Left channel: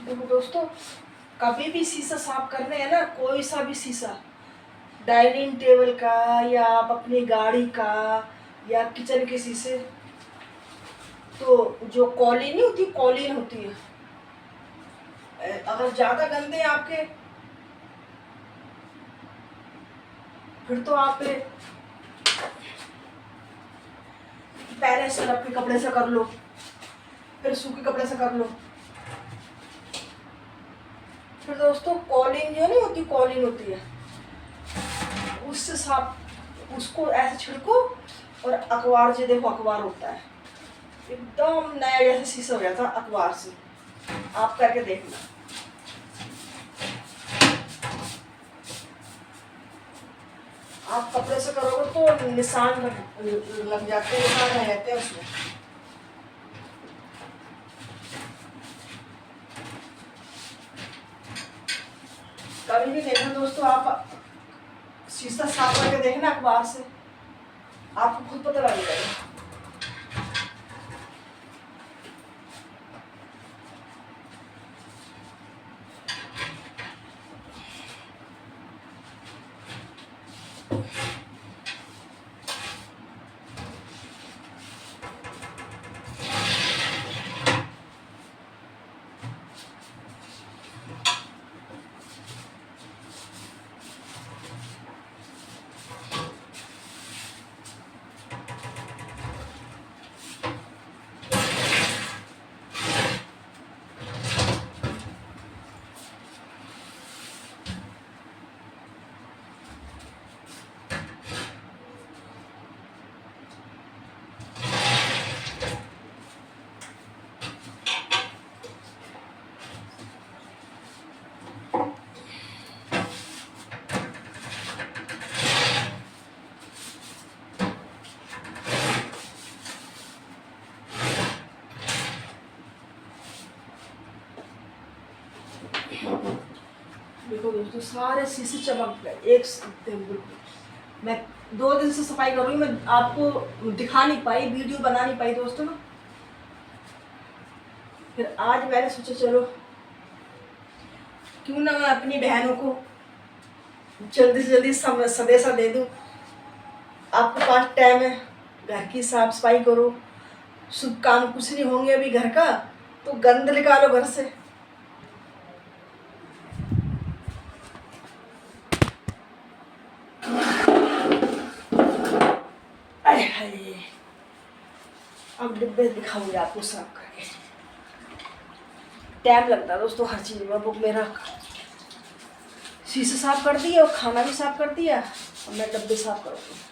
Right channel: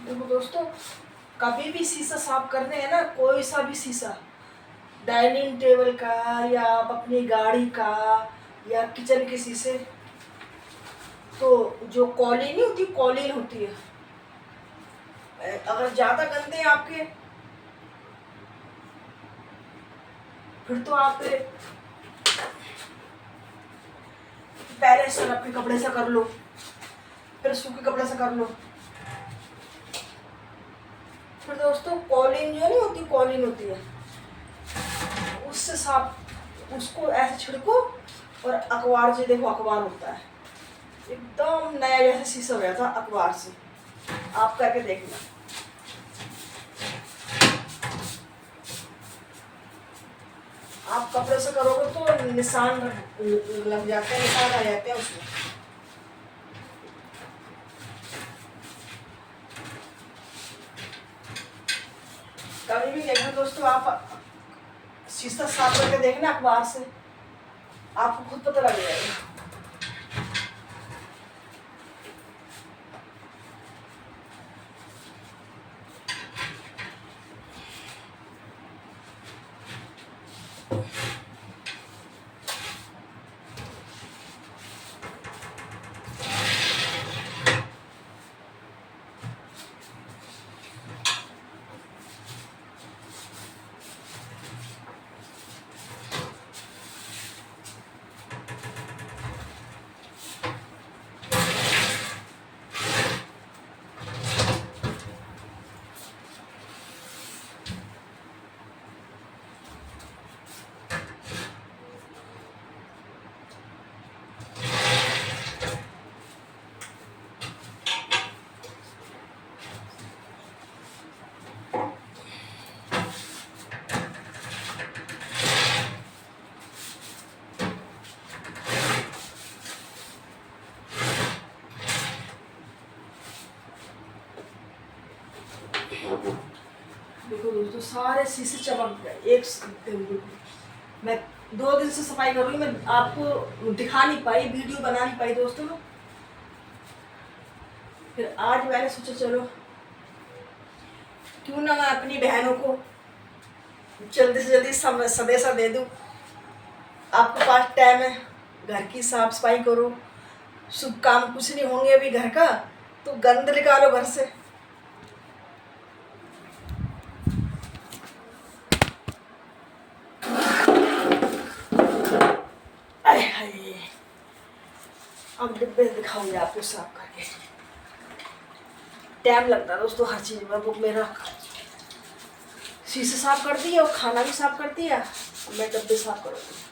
देखो दोस्तों, कभी भी शीशा साफ करने है ना, कोई सा भी शीशा, डाइनिंग टेबल का या आप अपनी गाड़ी का या किचन के शीशे, तो जो कॉलिन नहीं होती, कॉलिन होती है, अगर ज़्यादा गंदे हैं आपके, फिर तो आप पहले सरफ के कपड़े से कर लो, फिर सूखे कपड़े से कर लो। फिर दोस्तों कॉलिन जो नहीं होती, कॉलिन होती है, उससे साफ, उसको ऐसे छिड़को और अखबार से, देखो अखबार होता है, एकदम नया जैसे शीशा हो जाता है अखबार से। आप करके देखना। आप कपड़े से करोगे तो निशान लग जाते हैं, निशान आ जाते हैं उसमें। कभी भी देखना दोस्तों, आप शीशा साफ करके देखना अखबार से, आपको खुद पता लग जाएगा। देखो दोस्तों, सारे शीशे चमक गए एक बिल्कुल। मैं 2 दिन से सफाई कर रही हूँ, मैं आपको दिखा नहीं पाई, वीडियो बना नहीं पाई दोस्तों ना। फिर आज मैंने सोचा चलो क्यों ना मैं अपनी बहनों को जल्दी से जल्दी संदेशा दे दूँ। आपके पास टाइम है, घर की साफ सफाई करो, शुभ काम कुछ नहीं होंगे अभी घर का, तो गंद निकालो घर से। अब डिब्बे दिखाऊंगी आपको साफ करके। टाइम लगता है दोस्तों हर चीज़ में। वो मेरा शीशे साफ कर दिया और खाना भी साफ कर दिया, अब मैं डब्बे साफ करूँगी।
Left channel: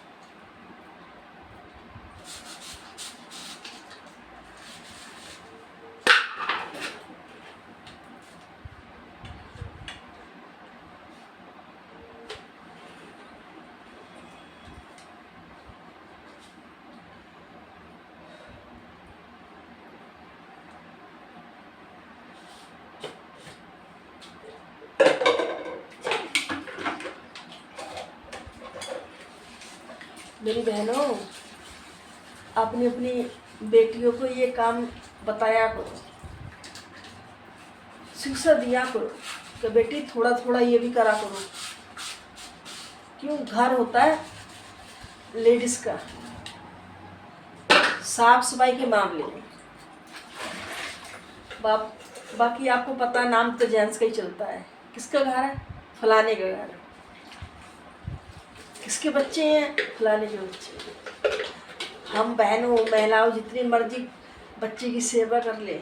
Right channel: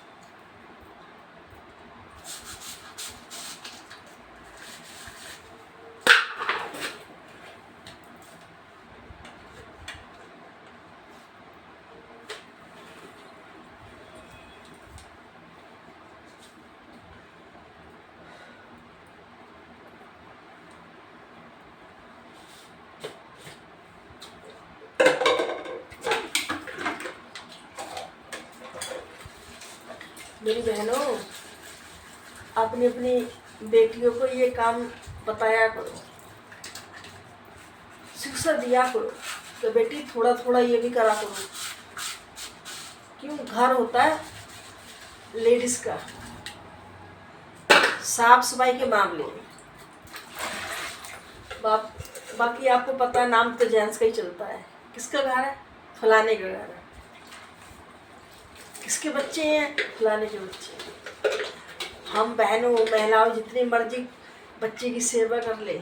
मेरी बहनों, अपनी अपनी बेटियों को ये काम बताया करो, शिक्षा दिया करो कि बेटी थोड़ा थोड़ा ये भी करा करो। क्यों, घर होता है लेडीज का साफ सफाई के मामले में। बाकी आपको पता है, नाम तो जेंट्स का ही चलता है। किसका घर है? फलाने का घर है। किसके बच्चे हैं? फलाने के बच्चे। हम बहनों महिलाओं जितनी मर्जी बच्चे की सेवा कर ले,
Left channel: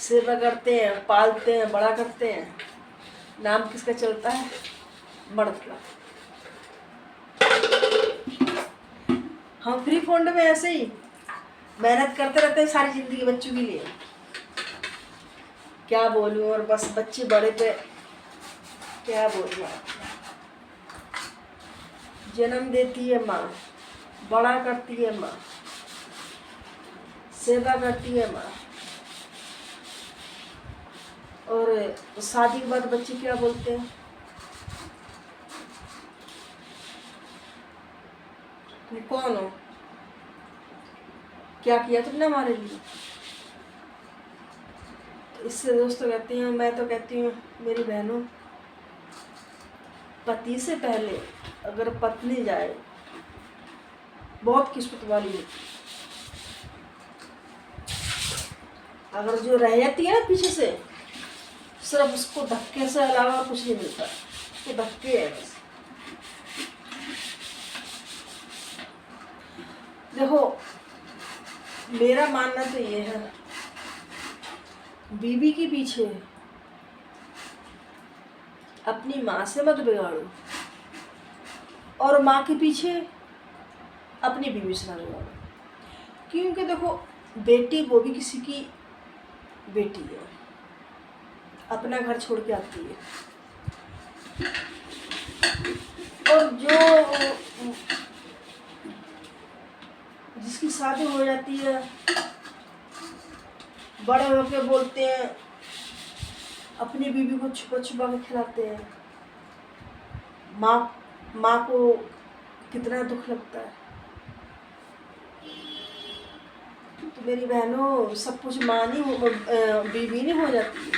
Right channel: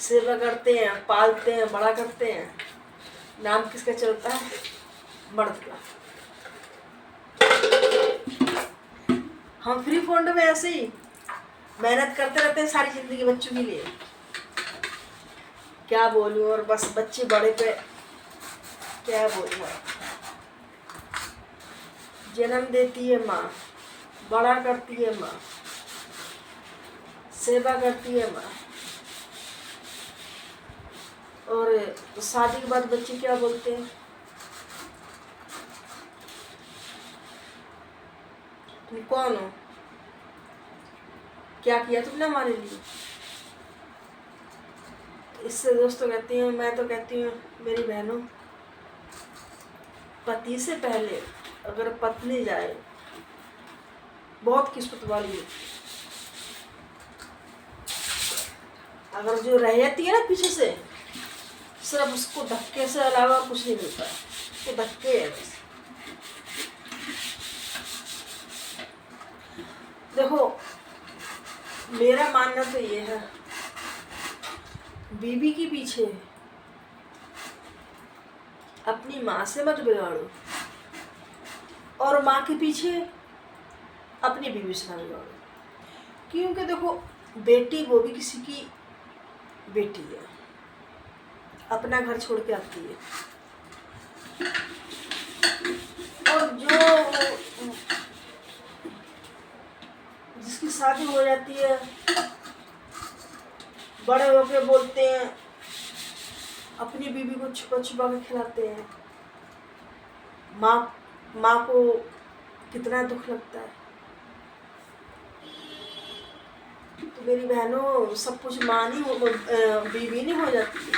सेवा करते हैं, पालते हैं, बड़ा करते हैं, नाम किसका चलता है? मर्द का। हम फ्री फंड में ऐसे ही मेहनत करते रहते हैं सारी जिंदगी बच्चों के लिए। क्या बोलूं, और बस बच्चे बड़े पे क्या बोलूं। जन्म देती है माँ, बड़ा करती है माँ, सेवा करती है माँ, और शादी के बाद बच्चे क्या बोलते हैं? क्या बोलते हैं, क्या बोलूं। और बस बच्चे बड़े पे क्या बोलूं। जन्म देती है माँ, बड़ा करती है माँ, सेवा करती है माँ, और शादी के बाद बच्चे क्या बोलते हैं? क्या बोलते हैं? तुम कौन हो? क्या किया तुमने हमारे लिए? तो इससे दोस्तों कहती हूँ, मैं तो कहती हूँ मेरी बहनों, पति से पहले अगर पत्नी जाए बहुत किस्मत वाली होती है। अगर जो रह जाती है ना पीछे से, सिर्फ उसको धक्के से अलावा और कुछ नहीं मिलता, तो धक्के है बस। देखो मेरा मानना तो ये है, बीवी के पीछे अपनी माँ से मत बिगाड़ो, और माँ के पीछे अपनी बीवी से ना बिगाड़ो। क्योंकि देखो बेटी वो भी किसी की बेटी है, अपना घर छोड़ के आती है, और जो जिसकी शादी हो जाती है, बड़े होके बोलते हैं, अपनी बीवी को छुपा छुपा के खिलाते हैं। माँ को कितना दुख लगता है। तो मेरी बहनों, सब कुछ माँ नहीं बीवी नहीं हो जाती है,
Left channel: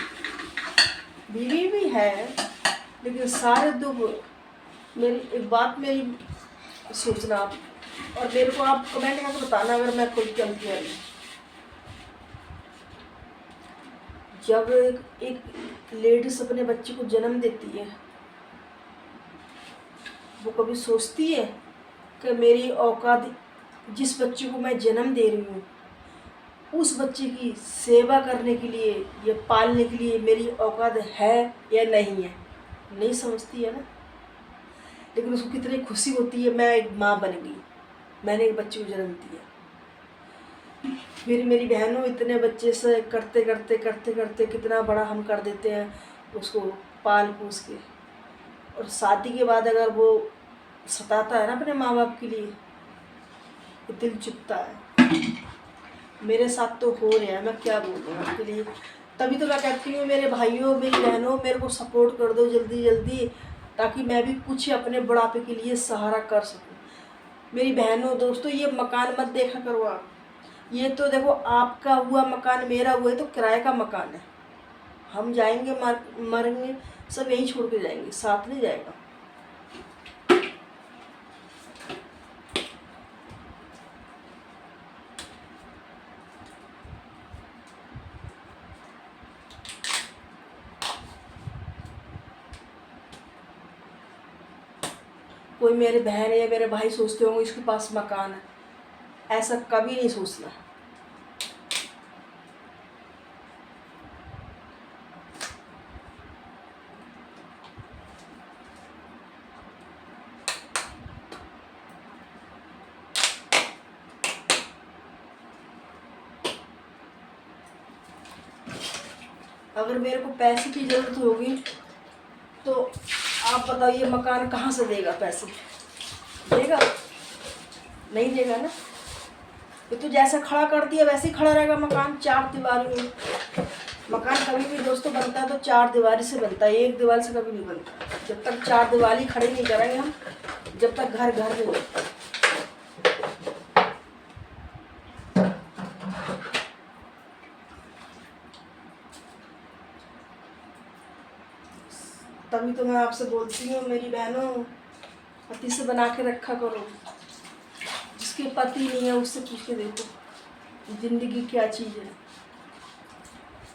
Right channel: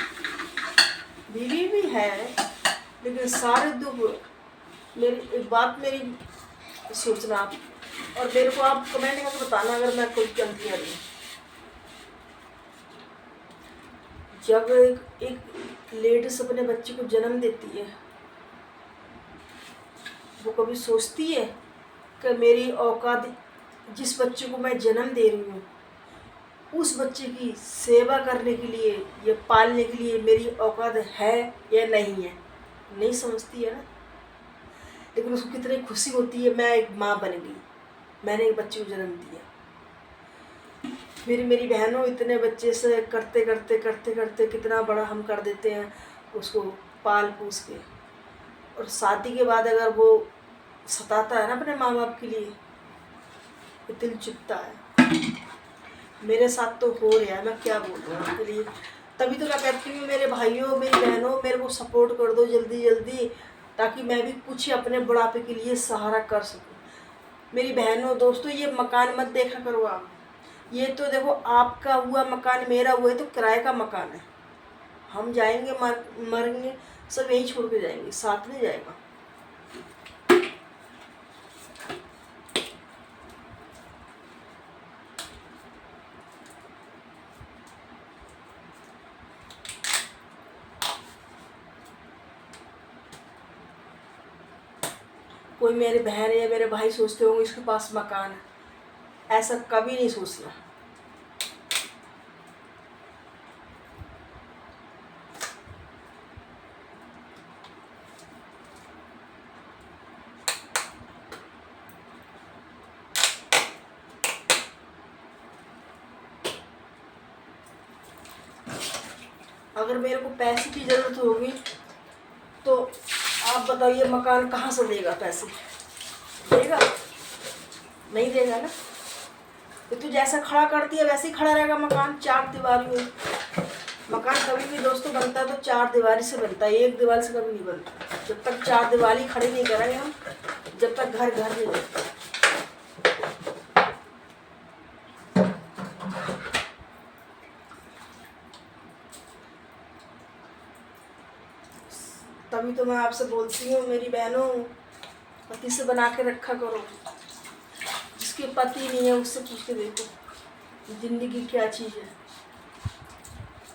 बीवी भी है, लेकिन सारे दुख मेरी एक बात मेरी सोचना आप, और मेरे को आप कमेंट करके बताना अगर मैं कोई गलती कर रही। जब एक लेडीज अपने बच्चे को जन्म देती है, वो कभी सोचती है कि मेरी औकात, जिस बच्चे को मैं जन्म दे रही हूँ उस बच्चे की सेवा करने के लिए या पालने के लिए मेरी औकात है या नहीं है? नहीं समझती है ना। लेकिन उसको कितनी खुशी होती है, मैं एक माँ बन गई, मैंने एक बच्चे को जन्म दिया। मेरी बहनों, इतने बच्चे से करते करते करते करते कितना बड़ा हम कर देते हैं उसको पाल पोस के, और शादी के बाद अगर वो सताता है ना अपने माँ बाप के लिए, ये दिल चुभता है। मेरे साथ तो हो रहा है, मैं क्या बोलूँ आपके लिए। तभी तो मैं कहती हूँ मेरे भाइयों मेरी बहनों, मेरे को सपोर्ट कर दो जल्दी जल्दी, ताकि मैं भी कुछ अपने बुढ़ापे के लिए सहारा कर सकूँ। मेरी बहनों दोस्तों, ये मकान मत देखा करो आप। ये तो देखो आपका हुआ मकान, मेरा हुआ है तो किराए का मकान है। हम जाएंगे मरेंगे, सब यहीं छोड़ के जाएंगे, साथ नहीं जाएगा। कोई मेरे बहन या मेरे भाई सोचते होंगे इसके पास मकान है, ऐसा कभी नहीं सोचना। अगर मेरे को पैसे की ज़रूरत होगी तो आप बताइए मकान कहाँ से देगा? पैसे देगा? नहीं देगा ना। तो जैसा खड़ा कर दिया वैसे ही खड़ा रहेगा मकान, चार दीवारी में। मकान कभी भी दोस्तों बनता है तो चार दीवारी से बनता है, एक दीवार से कभी नहीं बनता। जब तक चार दीवारी खड़ी नहीं करेंगे हम, जब तक घर घर नहीं बनता। तभी तो मैं आपसे बोलती हूँ मेरी बहनों, पति से बना के रखा करो। जिसके पति नहीं है उससे पूछ के देखो जिंदगी क्या चीज़ है,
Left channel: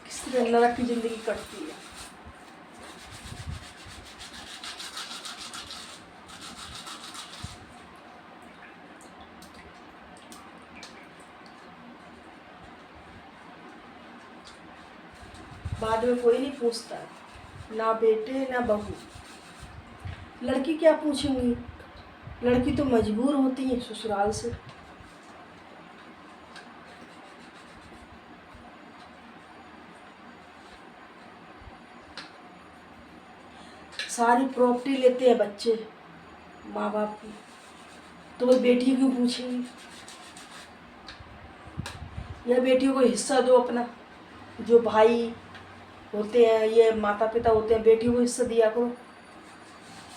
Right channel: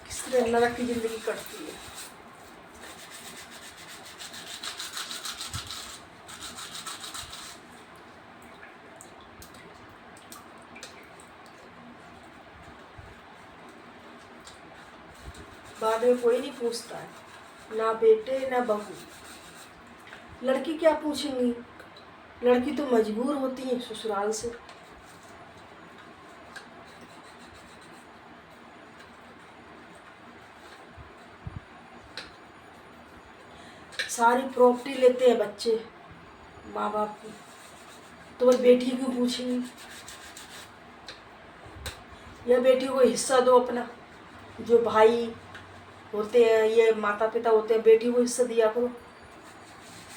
किस तरह नरक की जिंदगी कटती है। बाद में कोई नहीं पूछता है, ना बेटे ना बहू। लड़की क्या पूछेंगी? लड़की तो मजबूर होती है ससुराल से। सारी प्रॉपर्टी लेते हैं बच्चे माँ बाप की, तो वही बेटी क्यों पूछेंगी? या बेटियों को हिस्सा दो अपना, जो भाई होते हैं ये माता पिता होते हैं, बेटियों को हिस्सा दिया करो।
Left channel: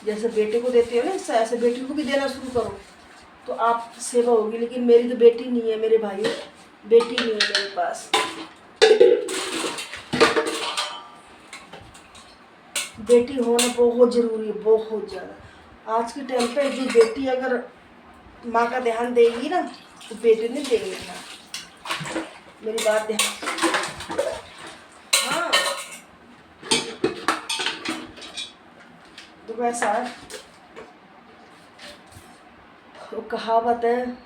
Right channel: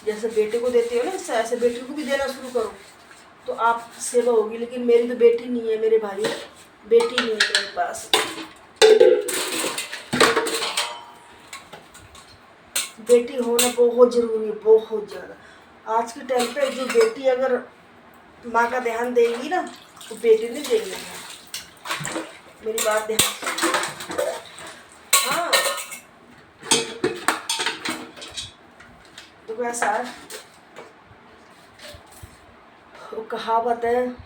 जैसे बेटे को देते हो ना हिस्सा, ऐसे बेटियों को भी देना शुरू करो। तो आप सेवा होगी। लेकिन मेरी तो बेटी नहीं है मेरे भाई, बेटी नहीं है मेरे पास। बेटी होना बहुत ज़रूरी है, बहुत ज़्यादा। आज के टाइम पे जो बेटी अगर माँ का ध्यान देगी ना, वो बेटे नहीं देंगे ध्यान। मेरी बात ध्यान। हाँ, तो कैसा है, वो कहावत है,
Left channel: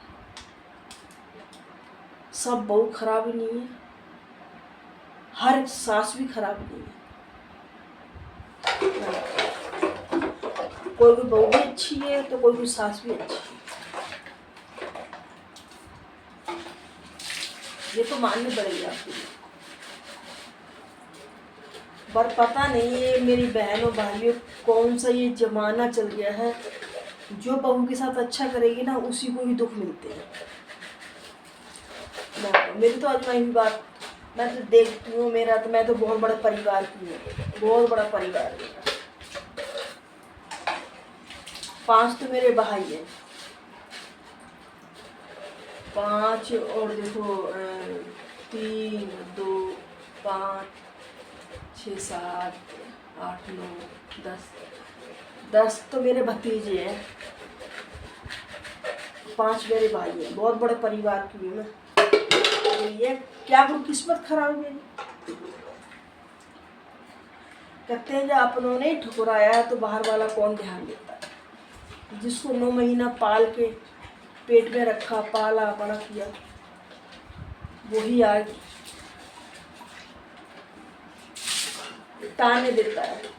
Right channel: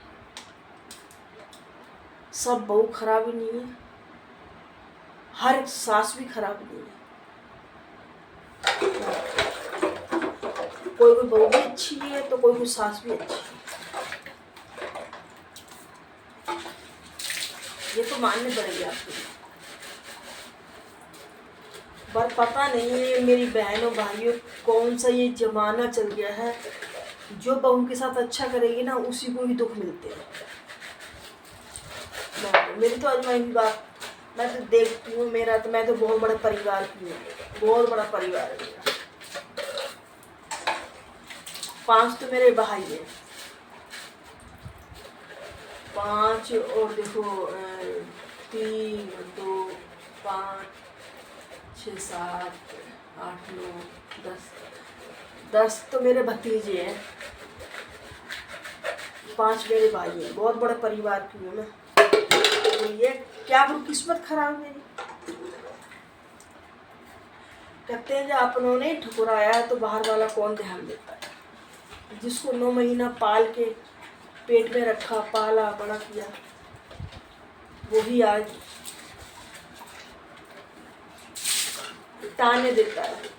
सब बहू खराब ही नहीं है, हर सास भी खराब नहीं है। कोई बहू भी अच्छी है तो कोई सास भी अच्छी है, ये तो माननी पड़ेगी आपको। पर पता नहीं है मेरी बहनों भाइयों, कौन सा ये जमाना चल गया है, जो बहू के साथ अच्छा करेगी ना उसी को ही दुख मिलते हैं। मेरी तो आजमाई हुई बात, मैं तो देखती हूँ, मैं तो बहुत बड़े परिवार की हूँ, बहुत बड़ा परिवार है मेरा। 5 तो मेरे भाई हैं, 5 और देखो 3 2 5 6 7 8 9 10 तो मेरे भतीजे हैं, 5 मेरे भाई हैं, बहुत बड़ा परिवार की हूँ मैं। तो ये क्या करूँ, किस्मत खराब है मेरी। कहते हैं जब अपनों ने ठुकराया है तो बाहर वाला कौन ध्यान देता है। जिसको 9 महीना पाल के पेट में रखा, पाला बड़ा किया, वही आज ताने देता है।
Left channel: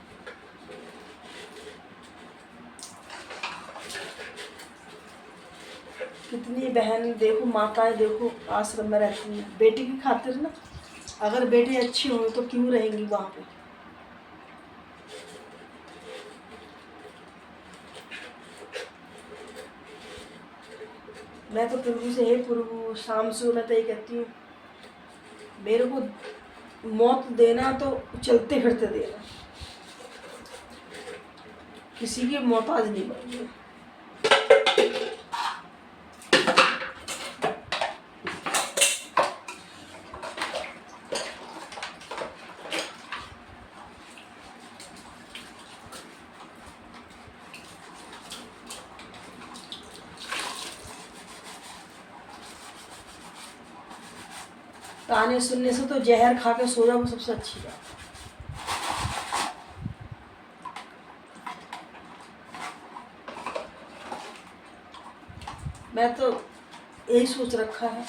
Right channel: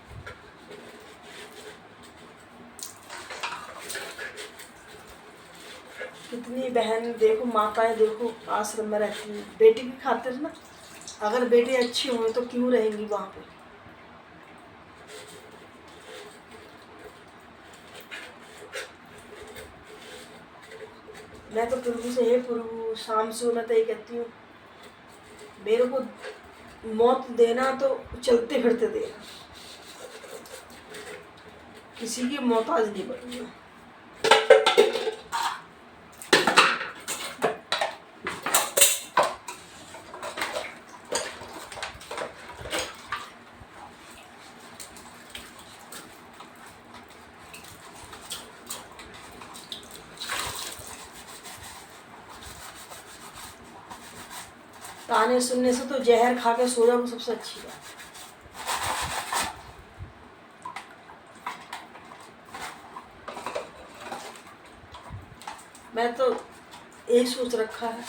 कितनी बहन देखो, माताएं देखो आश्रम में रहती हैं बेटी की खातिर ना। अगर बेटी अच्छी हो तो क्यों रहेंगी वहाँ पे। मैं तो प्रभु से, हे प्रभु, शाम से मैं तो ये कहती हूँ, मेरे को मौत देना तो चलते फिरते देना, किसी की मोहताज नहीं बनूंगा। ताने सुनने से तो जहर खा के सो जाओ सबसे अच्छी बात। मैं तो यही सोच रखा है,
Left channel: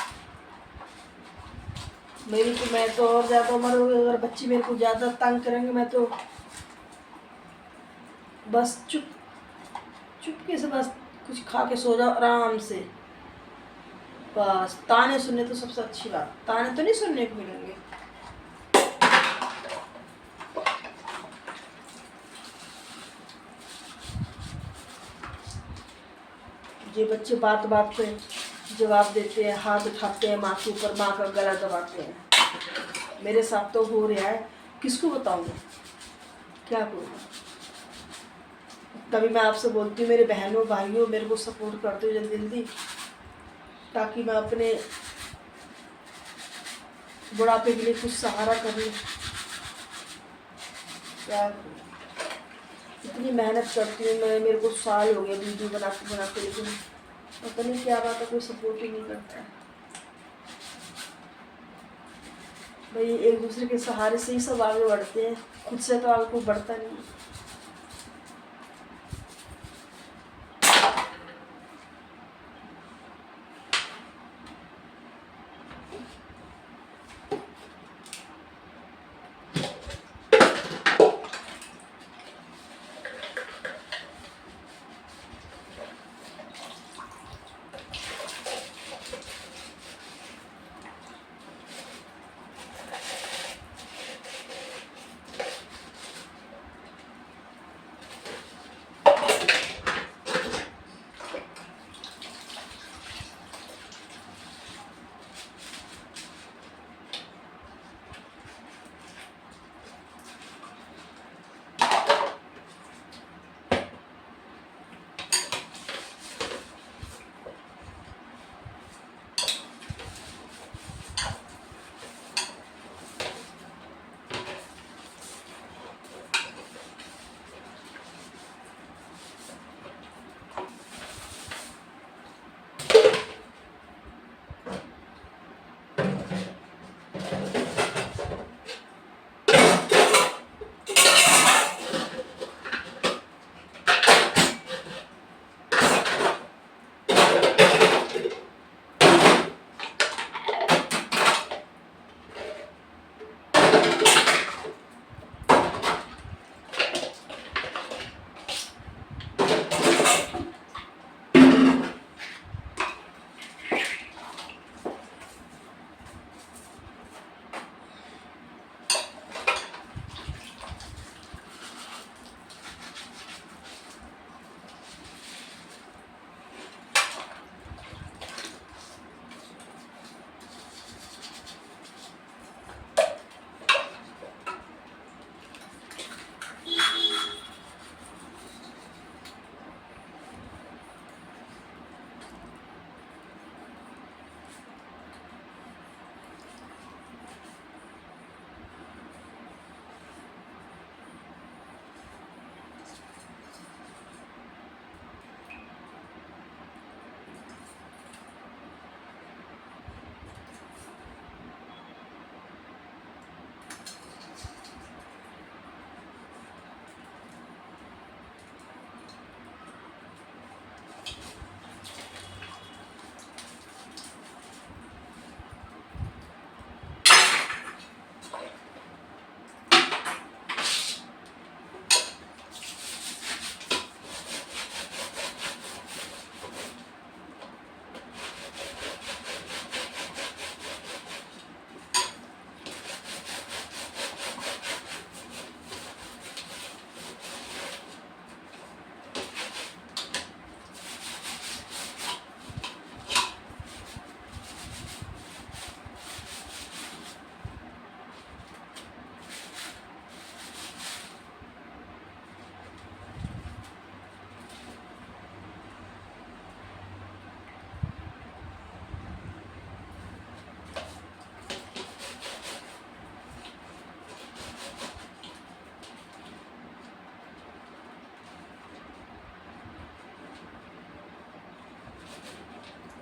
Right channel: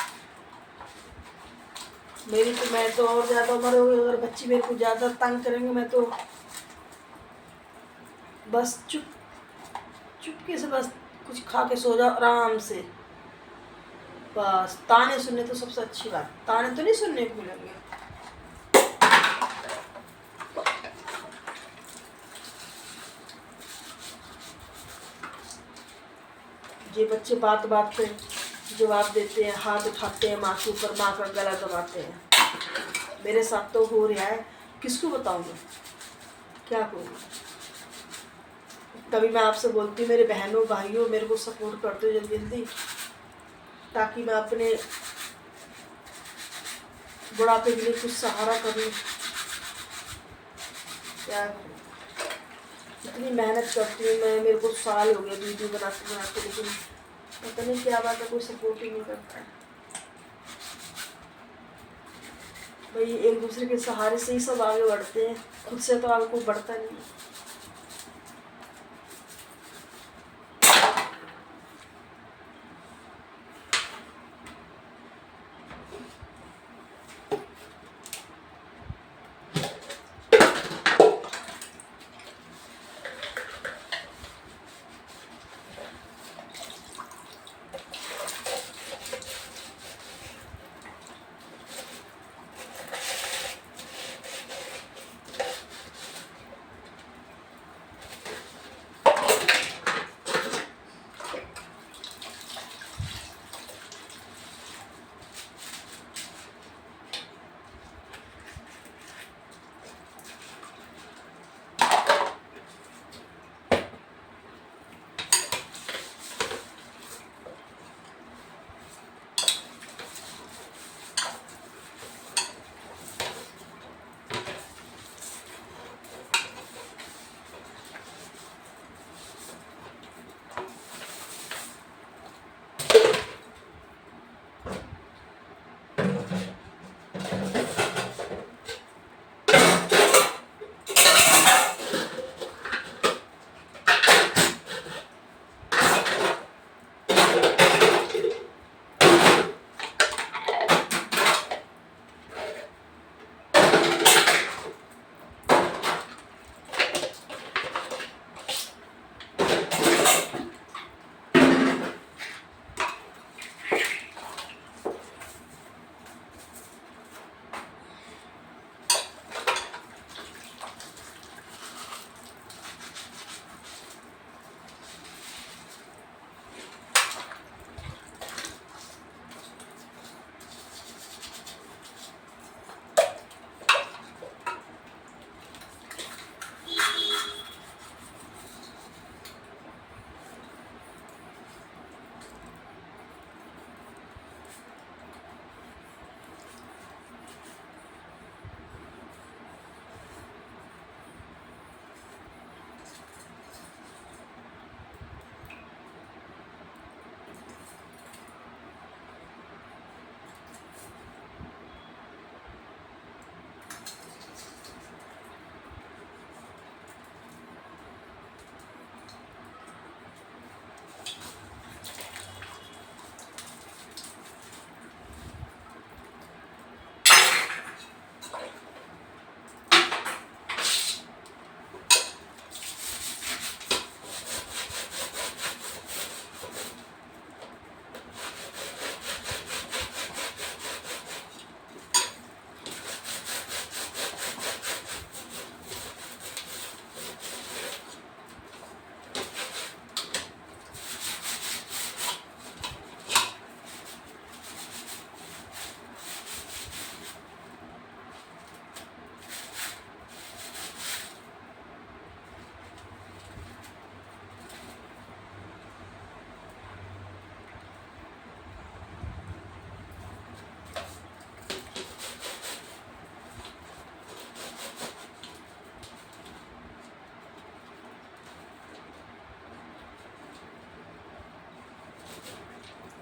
मैं तो और ज़्यादा उम्र हो गई, अगर बच्ची मेरे को ज़्यादा तंग करेंगे मैं तो बस चुपके से बस कुछ खा के सो जाओ आराम से। बस ताने सुनने तो सबसे अच्छी बात, ताने तो नहीं सुनने को मिलेंगे। ये बच्चे बात बात पे जवाब देते हैं, हाथ उठाते हैं माँ के ऊपर, माँ का गला दबाते हैं। मेरे साथ तो हो रहा है, किसको बताऊँगा, क्या करूँगा। तभी मैं आपसे बोलती हूँ मेरे बहनों भाइयों, मेरे को सपोर्ट कर दो जल्दी जल्दी, ताकि मैं अपने बुढ़ापे के लिए कुछ सहारा कर लूँ। क्या करूँ, इतनी मेहनत करती हूँ मैं, मेरे को साल हो गए वीडियो बनाते बनाते, लेकिन पता नहीं क्या बात है, कोई सपोर्ट ही नहीं करता है। भाई एक दूसरे के सहारे से ही सब आगे बढ़ते हैं, खुद से तो आगे कोई बढ़ता नहीं है।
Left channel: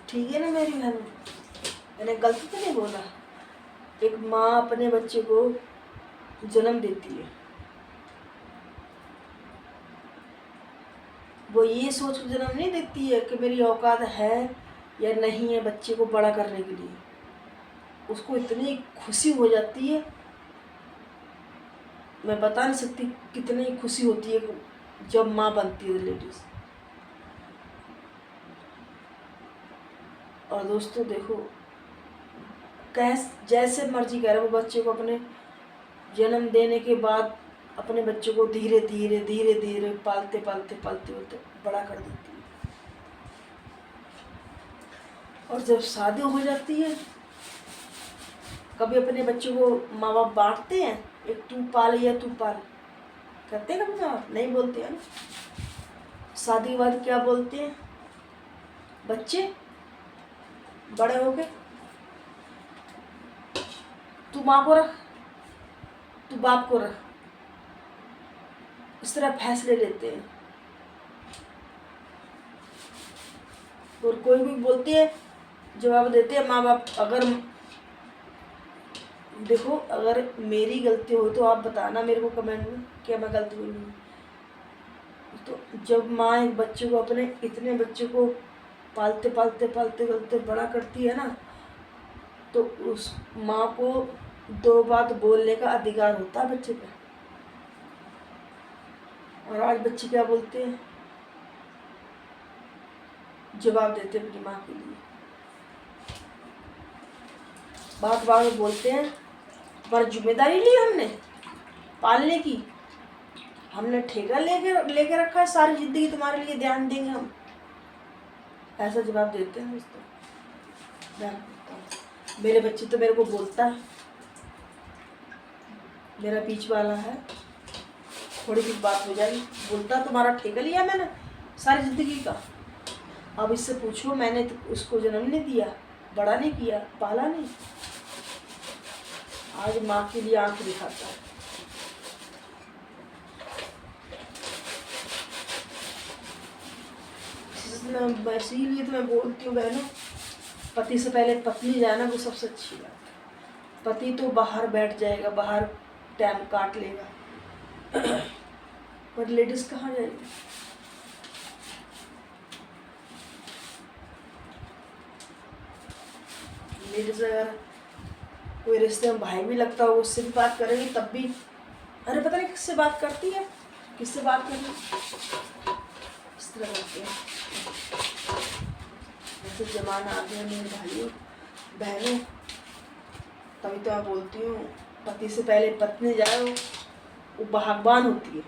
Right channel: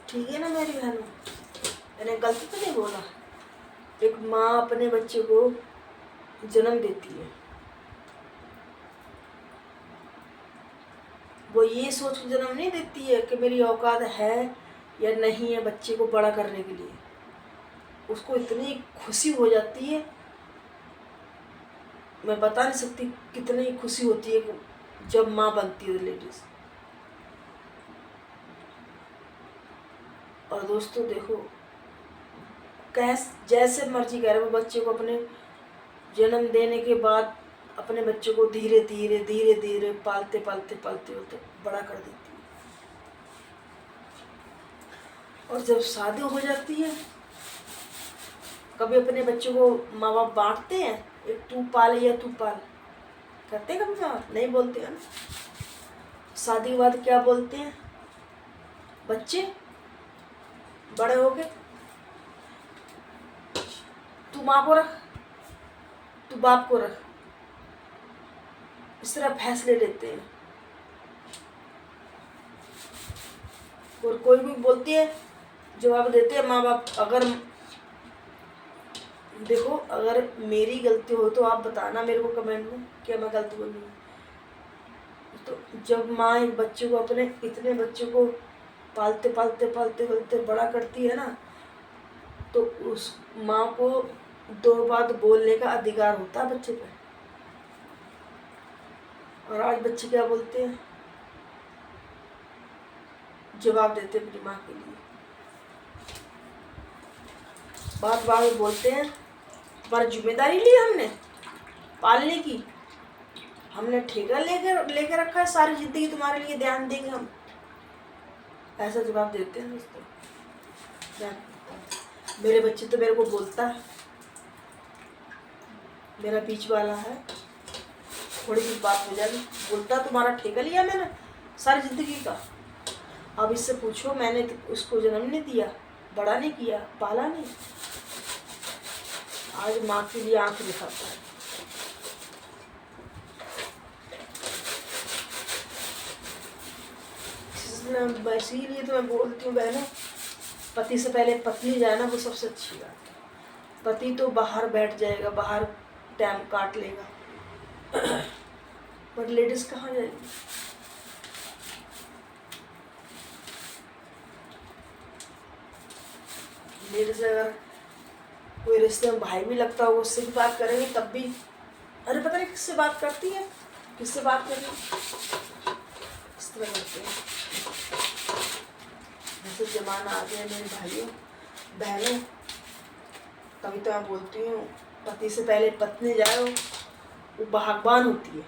ठीक है ना मेरी बहनों, मैंने गलती तो नहीं बोला। एक माँ अपने बच्चे को जन्म देती है, वो ये सोच कर जन्म नहीं देती है कि मेरी औकात है या नहीं है बच्चे को बड़ा करने के लिए। उसको इतनी खुशी हो जाती है, मैं बता नहीं सकती कितनी खुशी होती है जब माँ बनती है लेडीज। और दोस्तों देखो, जैसे मर्जी करे वो बच्चे को अपने जन्म देने के बाद अपने बच्चे को धीरे धीरे धीरे धीरे पालते पालते पालते पालते बड़ा कर देती है। और जब शादी हो जाती है, कभी अपने बच्चों को माँ बाप बांटते हैं, एक तू पाल या तू पाल, करते हैं कभी माँ बाप? नहीं बोलते हैं ना। शादी के बाद क्या बोलते हैं बच्चे बड़े हो गए, तू माँ को रख, तू बाप को रख, इस तरह फैसले लेते हैं। और कोई भी बोलती है, जवाब देते हैं माँ बाप। अगर देखो, अगर मेरी गलती हो तो आप बताना मेरे को कमेंट में, क्या मैं गलती बोल रही हूँ। तो जब माँ एक बच्चे को अपने इतने बच्चे को पालते पालते पालते पालते बड़ा करती है ना, तो उस माँ को दो बात बोलने का अधिकार होता है बच्चे पे। और आज बच्चे क्या बोलते हैं, जवाब देते अपनी माँ के लिए। बात बात में बोलते हैं, तुम्हारी जिम्मेदारी ली हमने पालने की, हमने ठेका लेके रखा है, सारी जिंदगी तुम्हारे लिए ध्यान देंगे हम, ऐसा जवाब देते हैं दोस्तों। मेरे बच्चे तो मेरे को बोलता है, मेरा बीच वाला है, थोड़ी सी बात हो जाएगी बोलता तुम्हारा ठेका लिया मैंने सारी जिंदगी का। अब इससे पूछो, मैंने तो उसको जन्म नहीं दिया, बड़ा नहीं किया, पाला नहीं, आज माँ के लिए आंख दिखाता है। इसीलिए तो मैं बोलती हूँ बहनों, पति से पहले पत्नी जाना वो सबसे अच्छी बात है। पति तो बाहर बैठ जाएगा, बाहर टाइम काट लेगा पर लेडीज कहाँ जाएगी। लेडीज अगर कोई रिश्ते में भाई भी लगता हो, उससे भी बात करेंगे तब भी, अरे पता नहीं किससे बात करती है, किससे बात कर रही, इस तरह करते हैं। जैसे जमाना आ गया मेरे भाइयों बहनों, तभी तो मैं बोलती हूँ पति से पहले पत्नी जाए वो भाग्यवान होती है।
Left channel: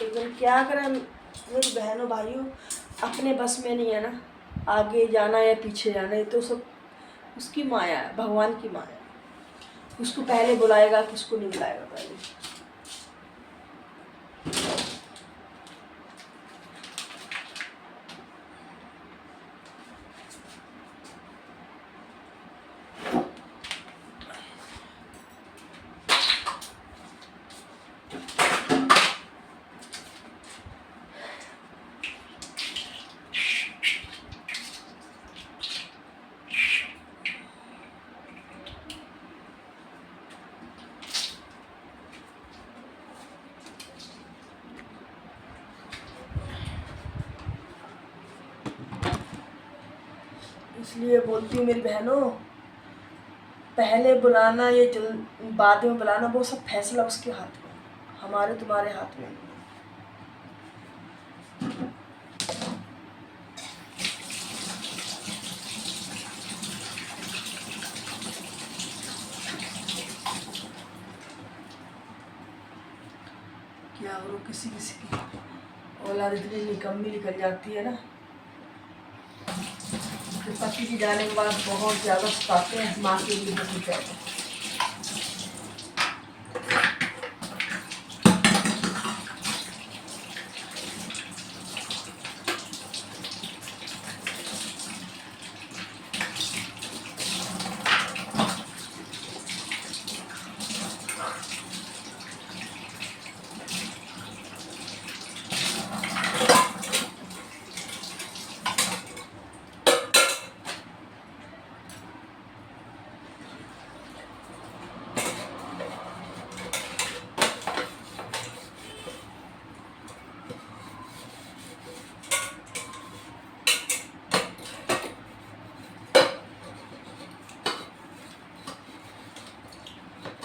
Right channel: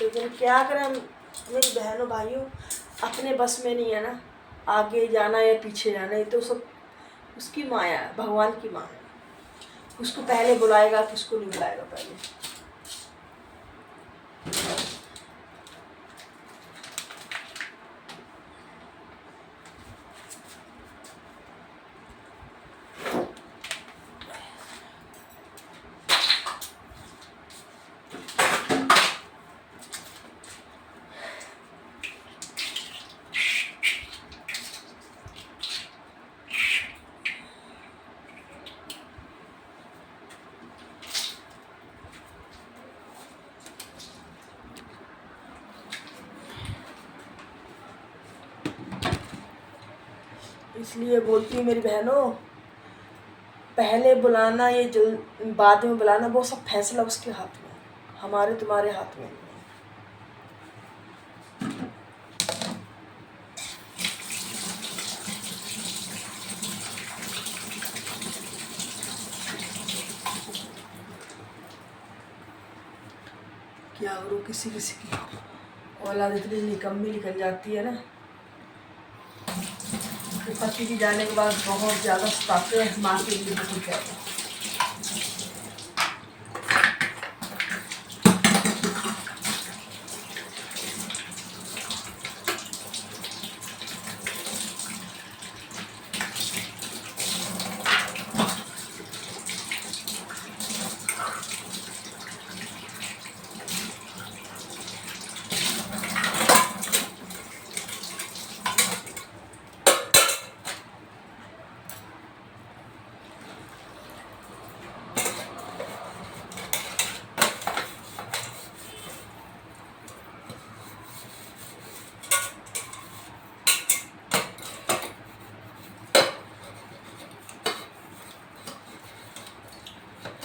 लेकिन क्या करें मेरी बहनों भाइयों, अपने बस में नहीं है ना आगे जाना या पीछे जाना, ये तो सब उसकी माया है, भगवान की माया है। किसको पहले बुलाएगा, किसको नहीं बुलाएगा पहले। इसलिए बोलती हूँ मेरी बहनों, पहले बुलाना ये जो बाद में बुलाना, वो सब फैसला उसके हाथ में, हमारे तुम्हारे हाथ में नहीं। क्या करो, किसी किसी की औलाद इतनी निकम्मी निकल जाती है ना, पति की जाने के बाद बहुत ज़्यादा सताते हैं माँ के लिए, बहुत ज़्यादा।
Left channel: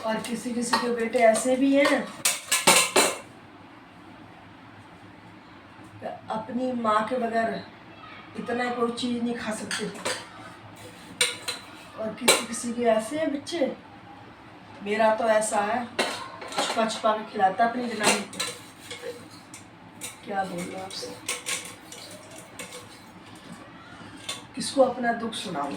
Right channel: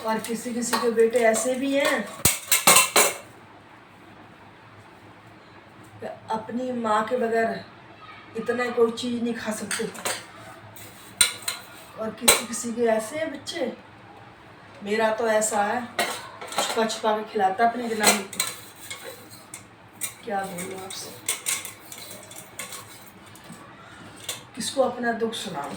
और किसी किसी के बेटे ऐसे भी हैं कि अपनी माँ के बगैर इतना कोई चीज़ नहीं खा सकते, और किसी किसी के ऐसे हैं बच्चे। मेरा तो ऐसा है, छुपा छुपा के खिलाता अपनी जनानी को। क्या बोलूं आपसे, किसको अपना दुख सुनाऊं।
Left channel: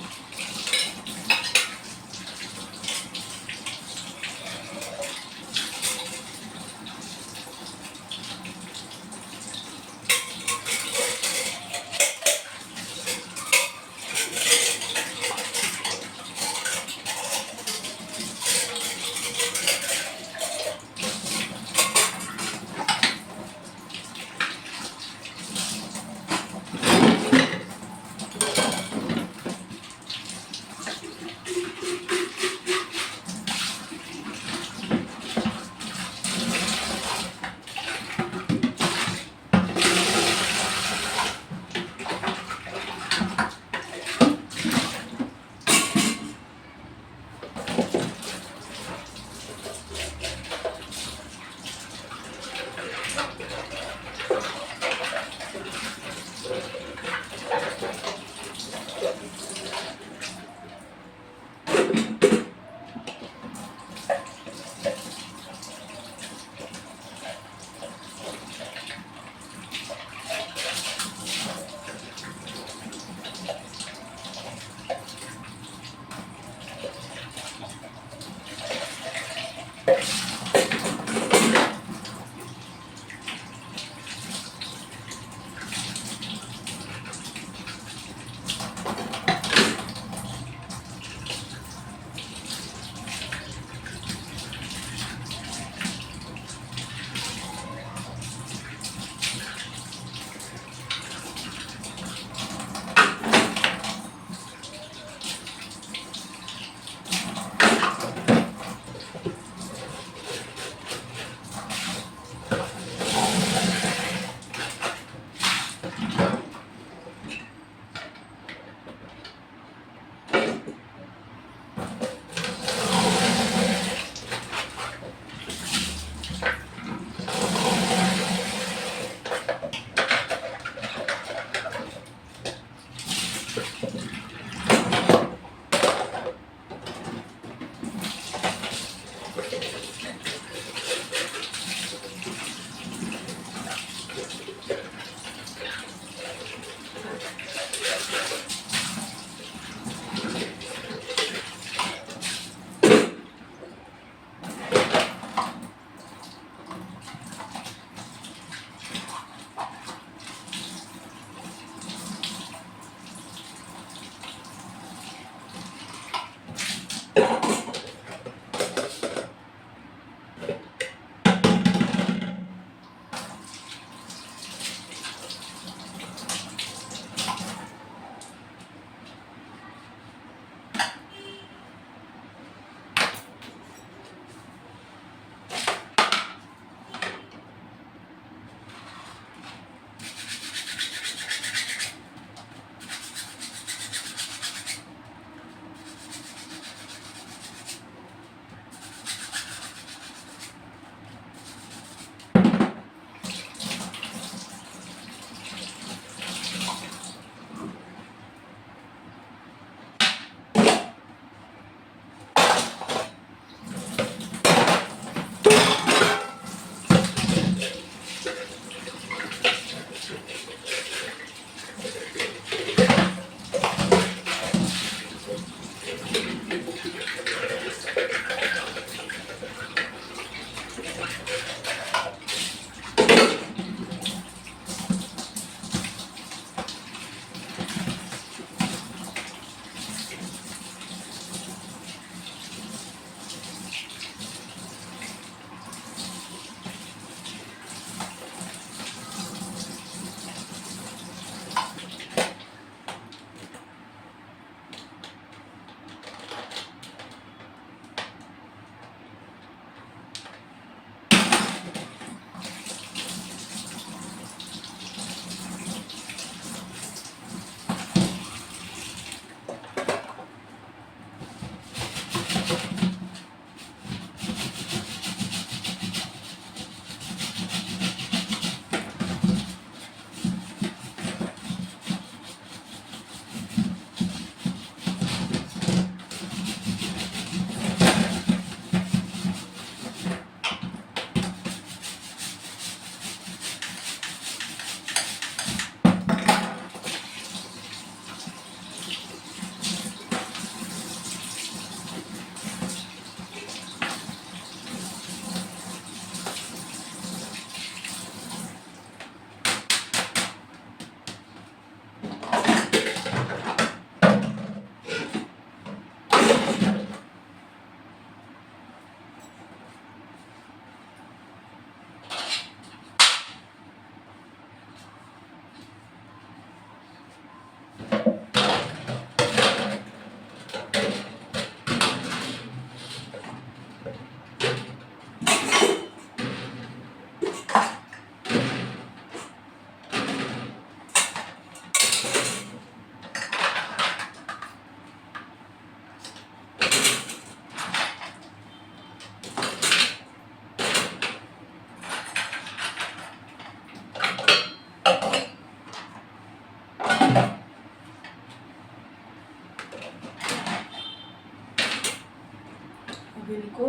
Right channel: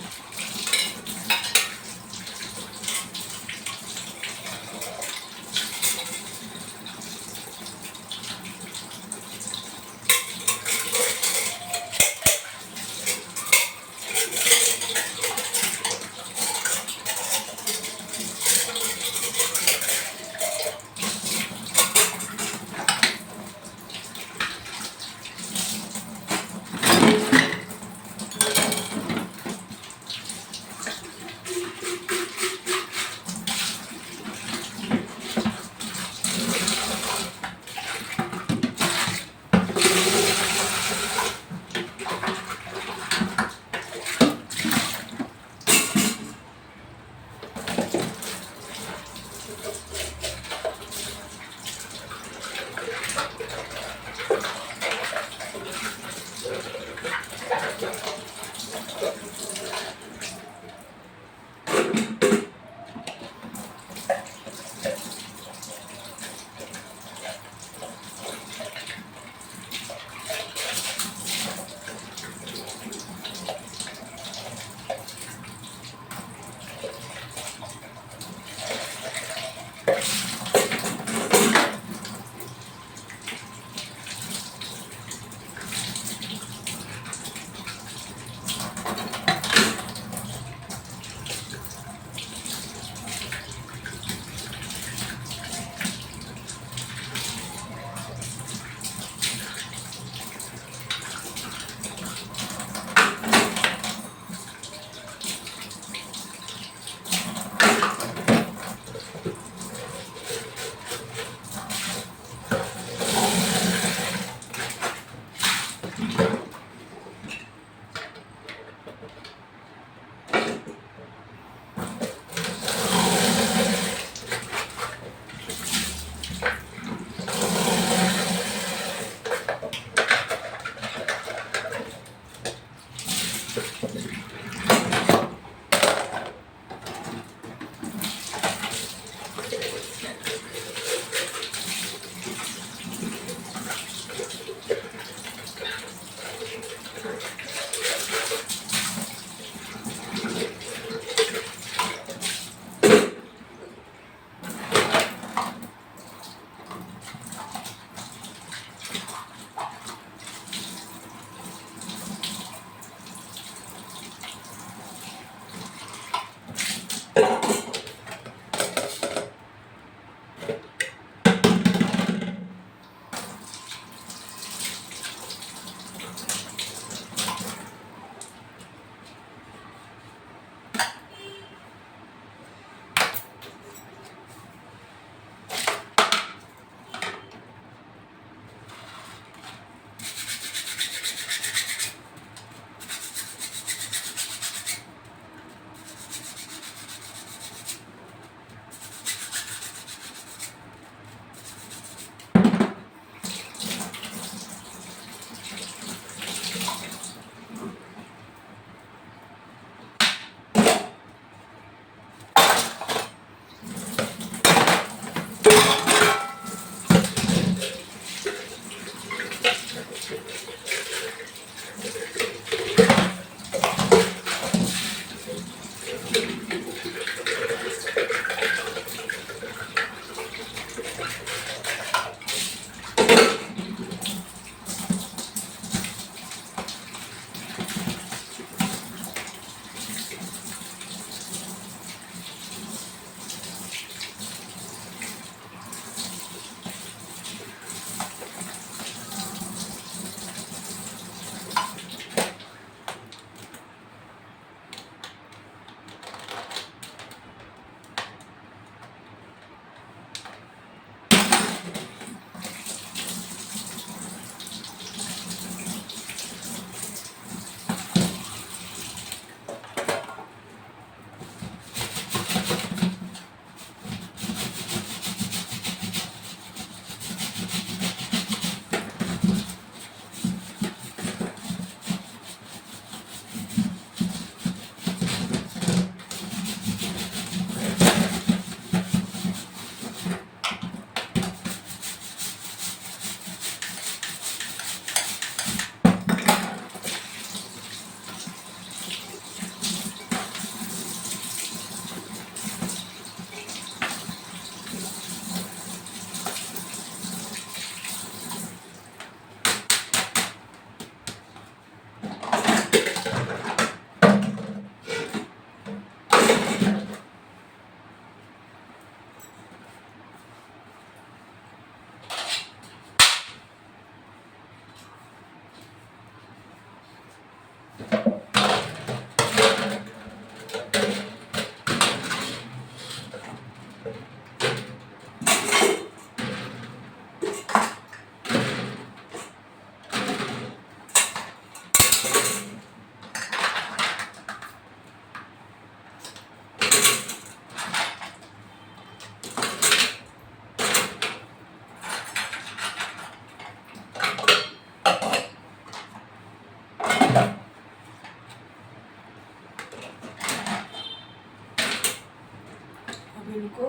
अब इनको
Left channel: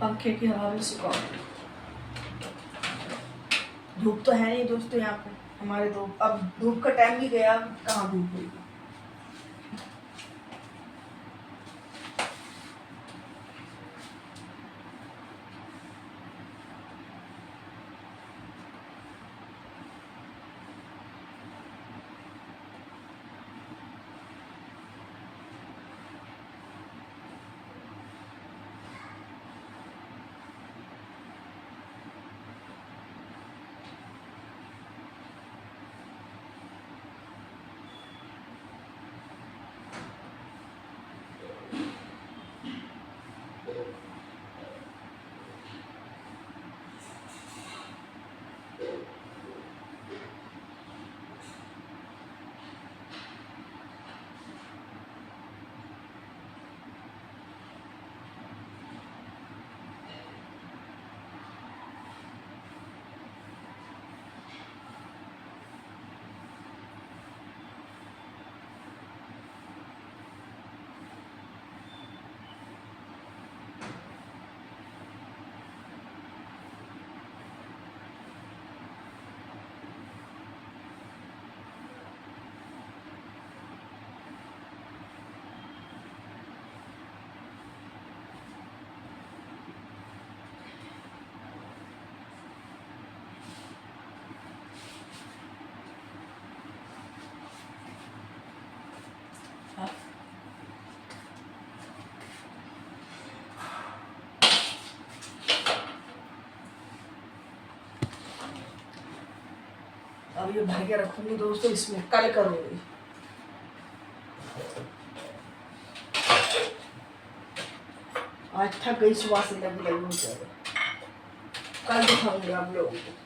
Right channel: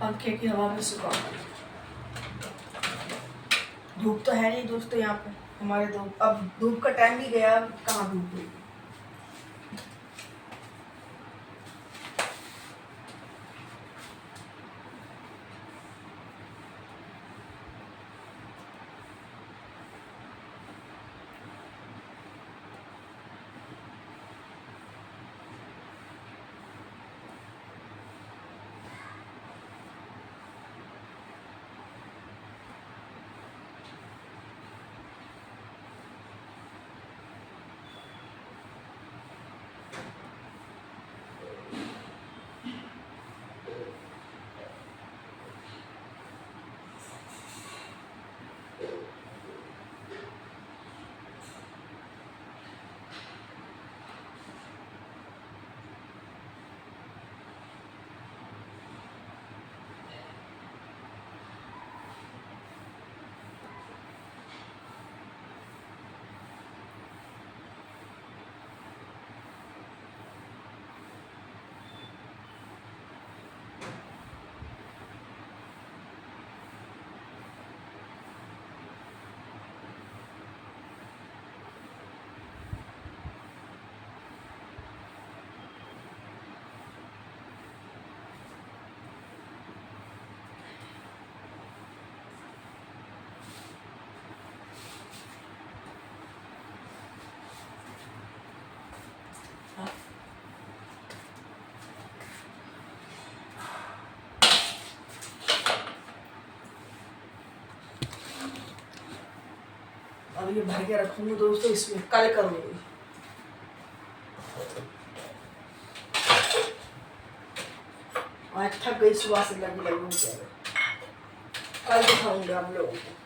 पंखे की हवा में सुखाऊंगी। धूप तो है नहीं दोस्तों यहाँ पे हमारे, तो अब धूप का टाइम भी गया, कहाँ धूप हुई। अब ये भर के रखूंगी दोस्तों, इसमें कल करूंगी। आज थक गई सुबह से, लगी लगी हो जाएगा, कल दिखाऊंगी आप लोगों को।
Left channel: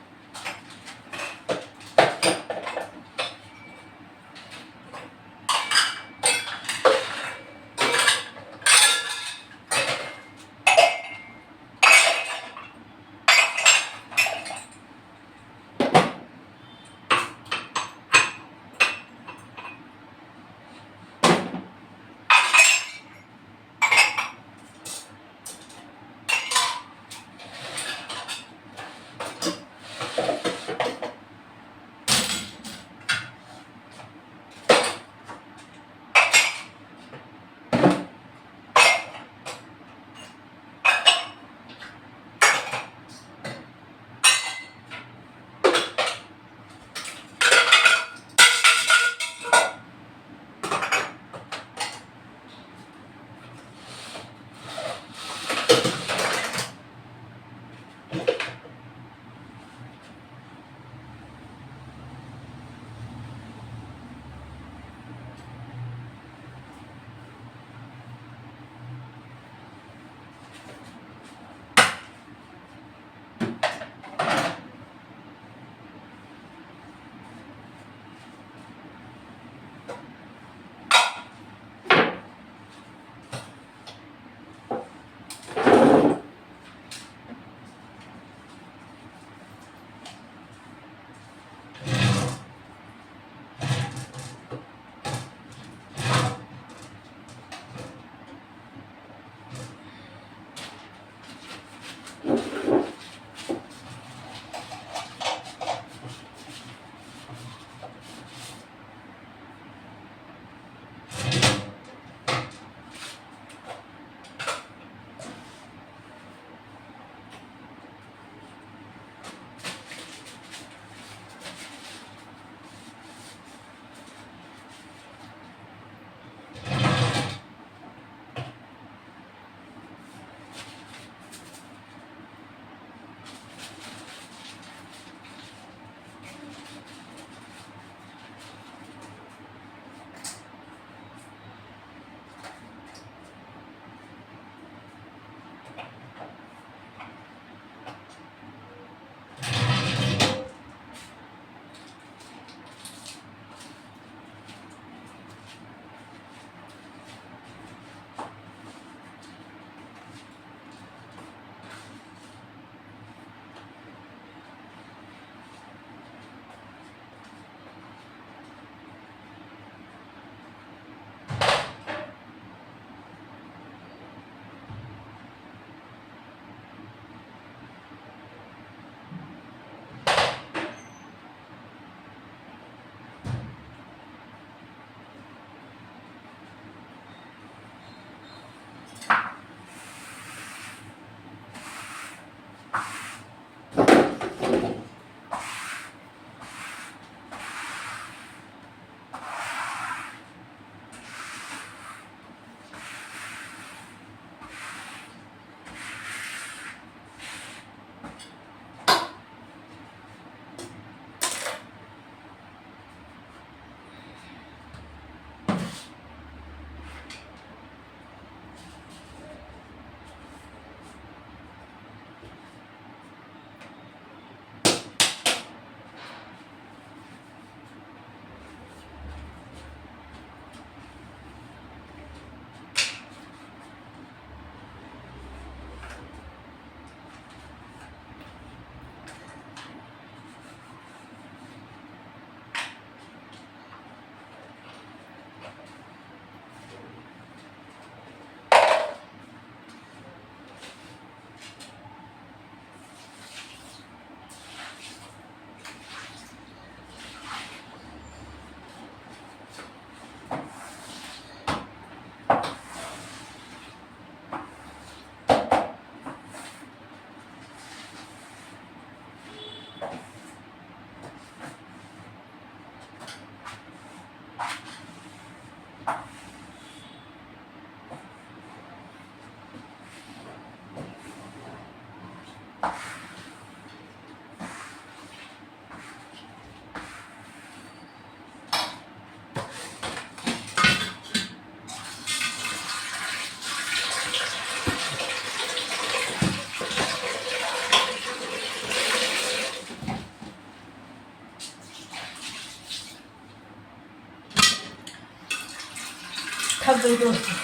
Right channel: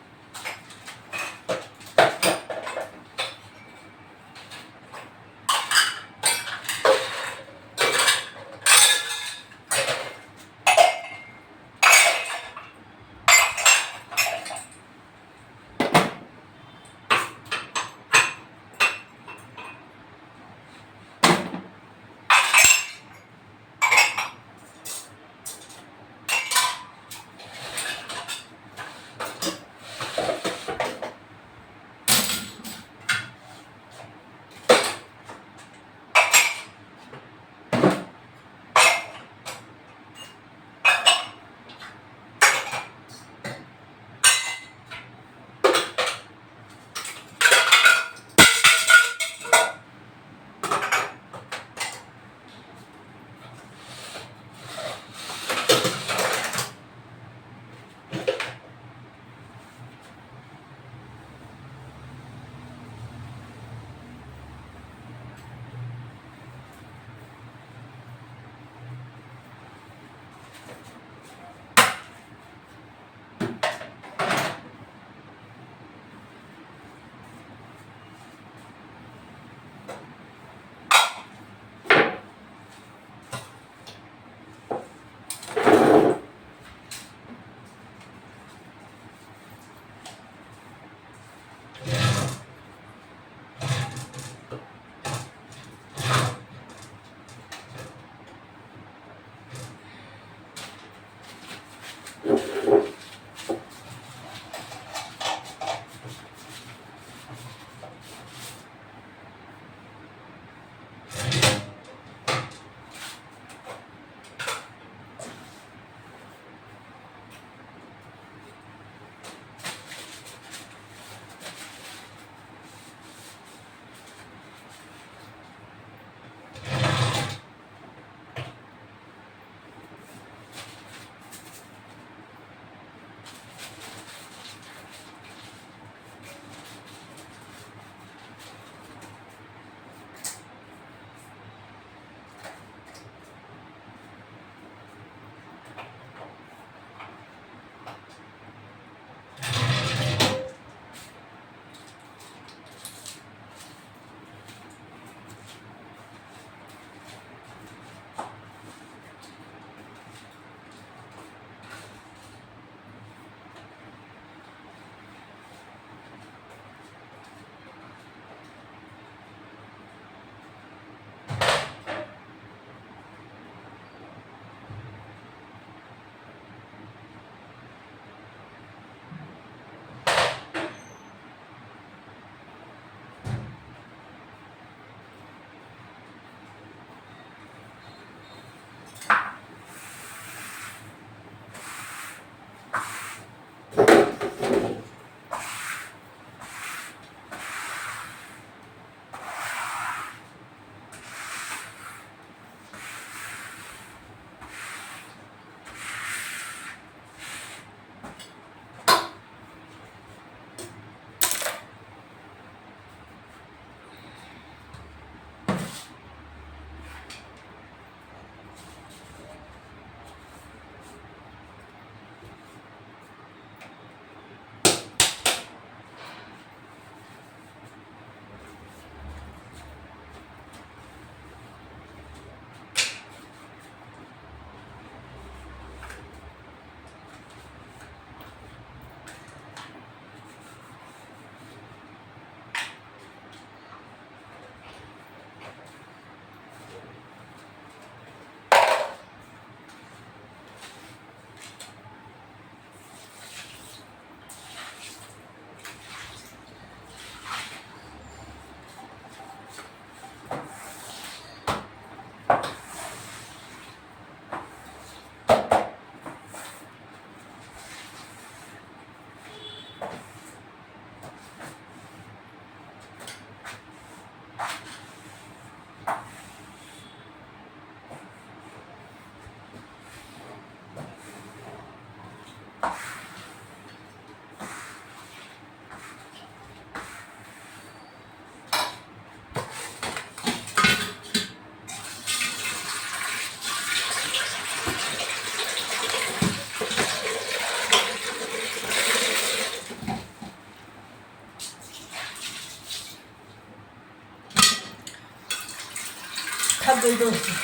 गई दोस्तों,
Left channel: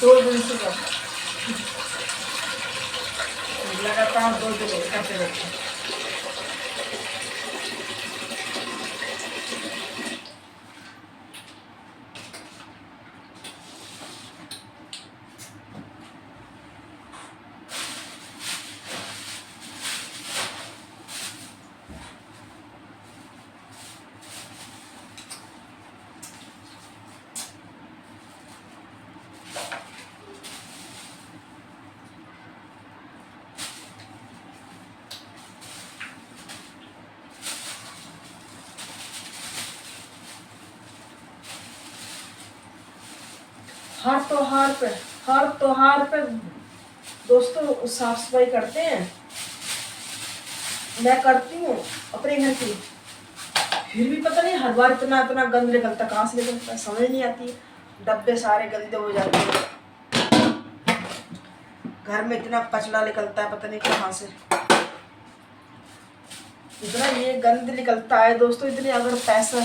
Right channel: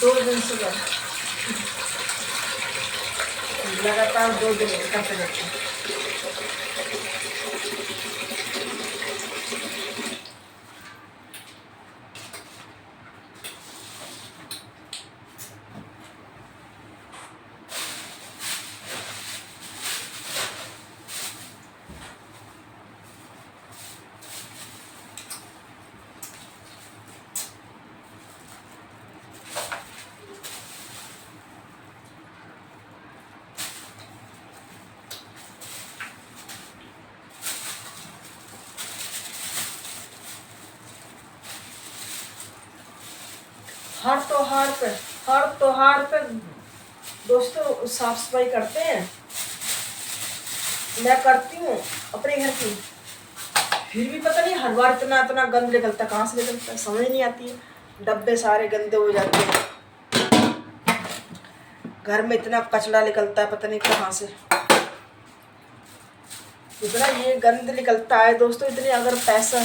2 दिन से लगातार 2 दिन करते रहते हैं। हर त्योहार पे दोस्तों साफ सफाई करते हैं। मैं करती हूँ अपने घर की, फिर भी पता नहीं हर बार इतना इतना गंद निकलता, कहाँ से निकलता है समझ नहीं आती है। डब्बे सारे गंदे हो जाते हैं, घर में इतना कचरा निकलता है पता नहीं कहाँ से, इतना ये गंद निकलता है दोस्तों। इतने अगर पैसा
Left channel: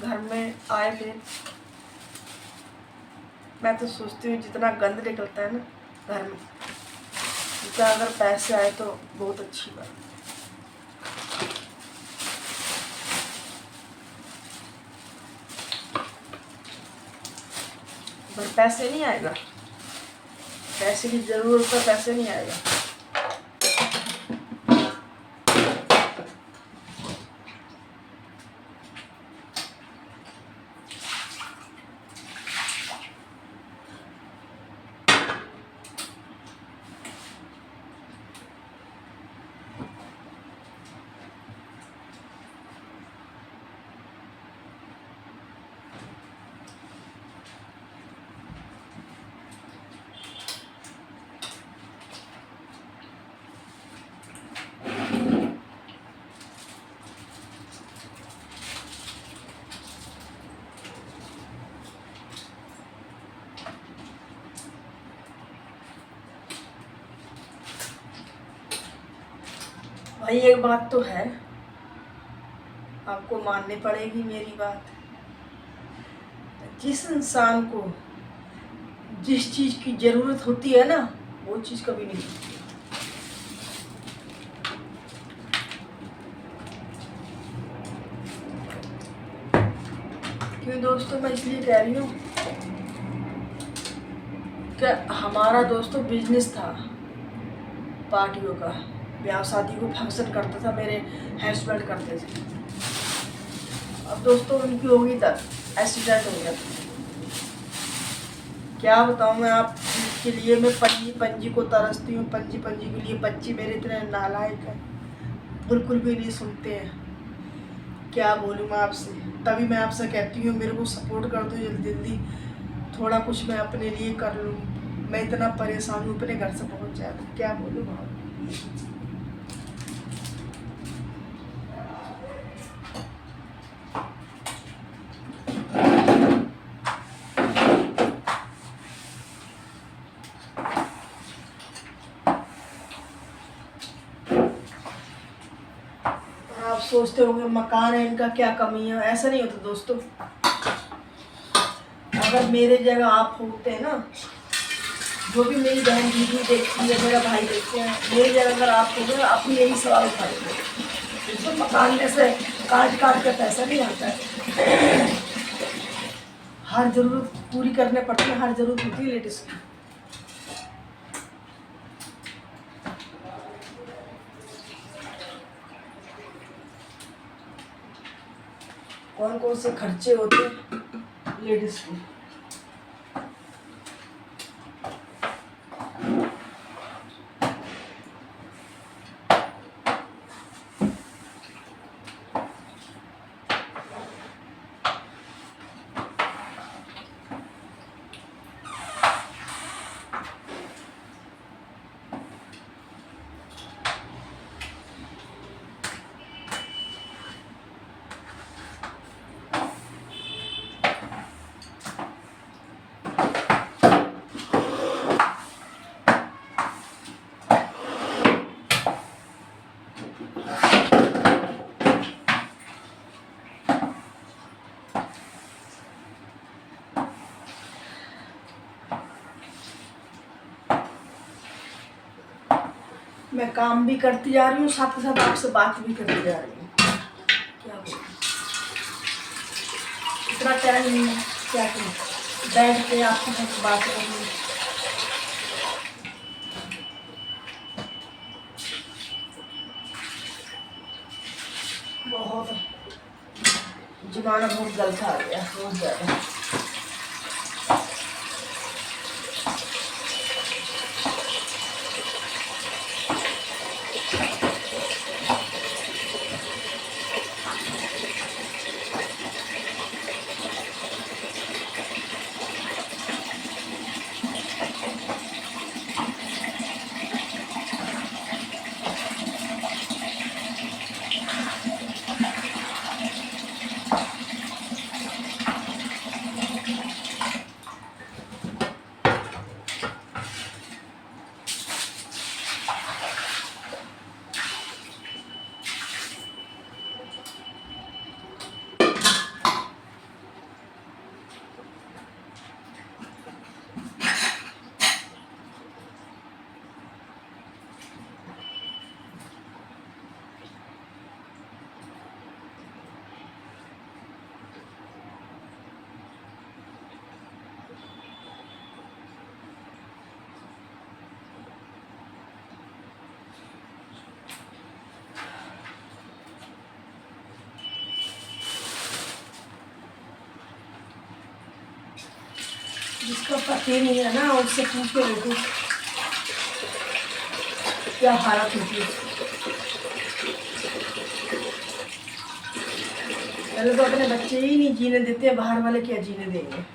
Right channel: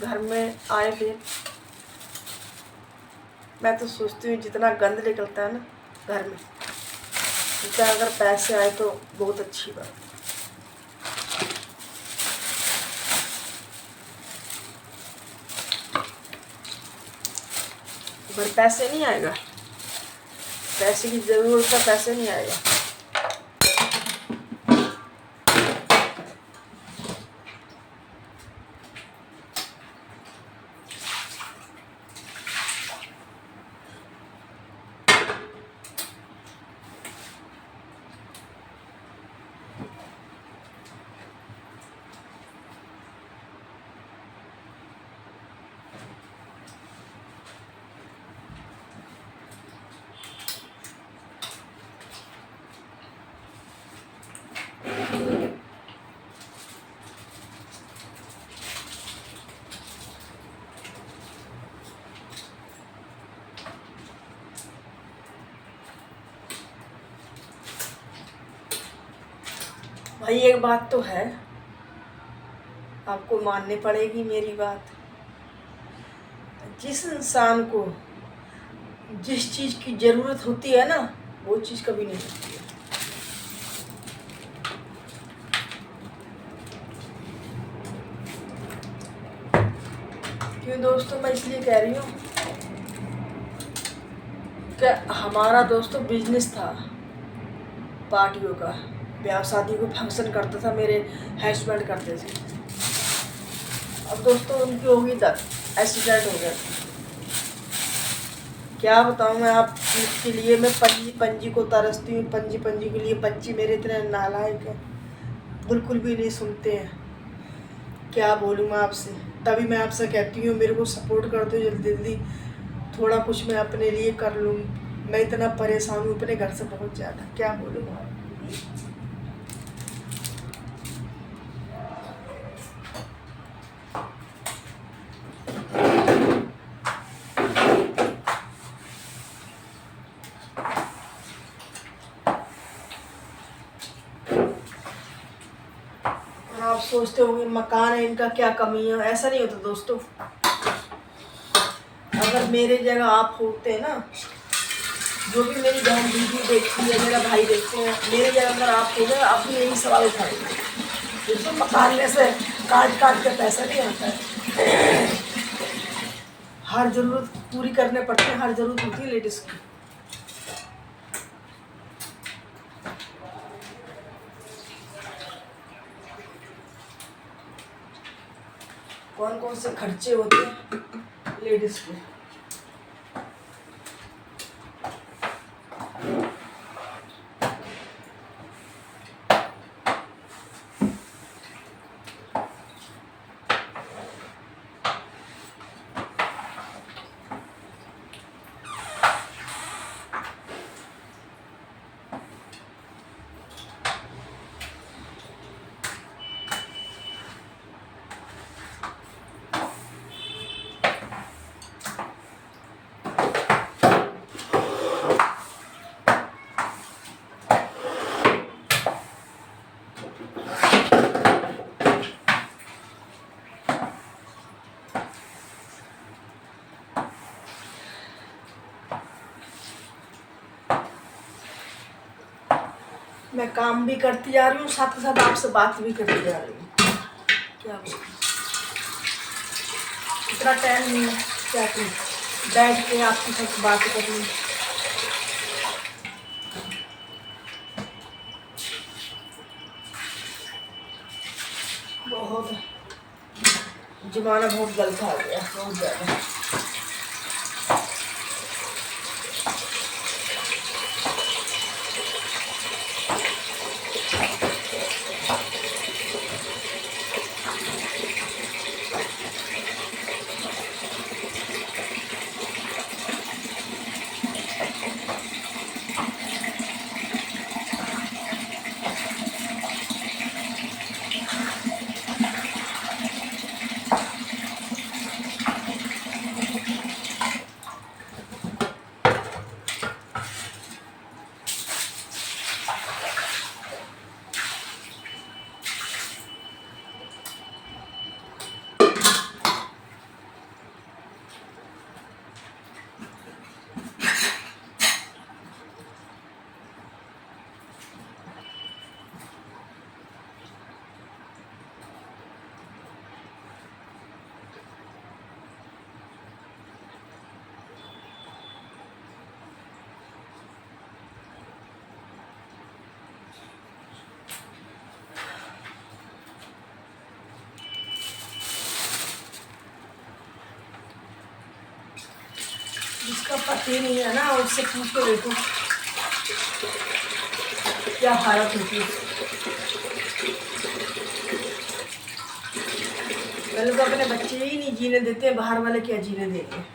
घर में आए फिर मैं तो सोचती हूँ जितना गंद निकलता है ना घर में, इतना अगर पैसे आए तो बहुत अच्छी बात। पर पैसे नहीं आएगा, पैसे की जरूरत है, पैसे नहीं आएगा। भाई एक बात तो है, आपको माननी पड़ेगी मेरी बात, जिस इंसान को जिस चीज की जरूरत होती है ना वो चीज कभी नहीं होती है। क्यों दोस्तों, मैं इसलिए कह रही हूँ कि हमारा दोस्तों बिजनेस था पार्टियों का, ब्याह शादी को फंक्शन करता था, मेरे हस्बैंड करते थे। अब दोस्तों उनकी हो गई डेथ, एक्सीडेंट हो गया था। क्या बताऊँ मैं आप इसके लिए, मैं पंजी को तरसती हूँ, पंजी के लिए। बच्चे मेरे इतने नालायक हैं, बिल्कुल भी नहीं सुनते हैं। क्या बोलूँ मैं आपसे, तभी मैं आपसे कहती हूँ मेरे को सपोर्ट कर दो जल्दी जल्दी, थोड़ा कुछ मैं अपने लिए कर लूँ। मैं इतना परेशान हूँ अपने घर से बहुत ज़्यादा, क्या बोलूँ आप। आप सोचते होंगे मकान है इनका, क्या कमी है, ऐसा नहीं होता दोस्तों। अगर मेरे जगह आप होते हैं ना, जो भी मेरी बहन दीदी देखती है, मेरा भाई देखते हैं, मेरी जगह अगर आप हो गए आप भी यही सवाल उठाएंगे। दोस्तों मकान में से काट के पैसा नहीं आता है, हर जरूरत पूरी करने पड़ती है, हर जरूरत होती है लेडीज की। कौन कौन से खर्चे होते हैं लेडीज के। मैं काम भी करती जा रही हूँ, साथ ही साथ आपसे बात भी करती जा रही हूँ। क्या बोलूं, इतना टाइम नहीं है क्या कि बैठ के आपके साथ बात करनी। बहुत जमाना बहुत गलत आ गया, बहुत ज़्यादा। जिसका पति नहीं है ना, उससे पूछ के देखो क्या हालत होती है। पहले तो अपने बच्चे ही नहीं जीने देते, बाहर वाले क्या जीने देंगे।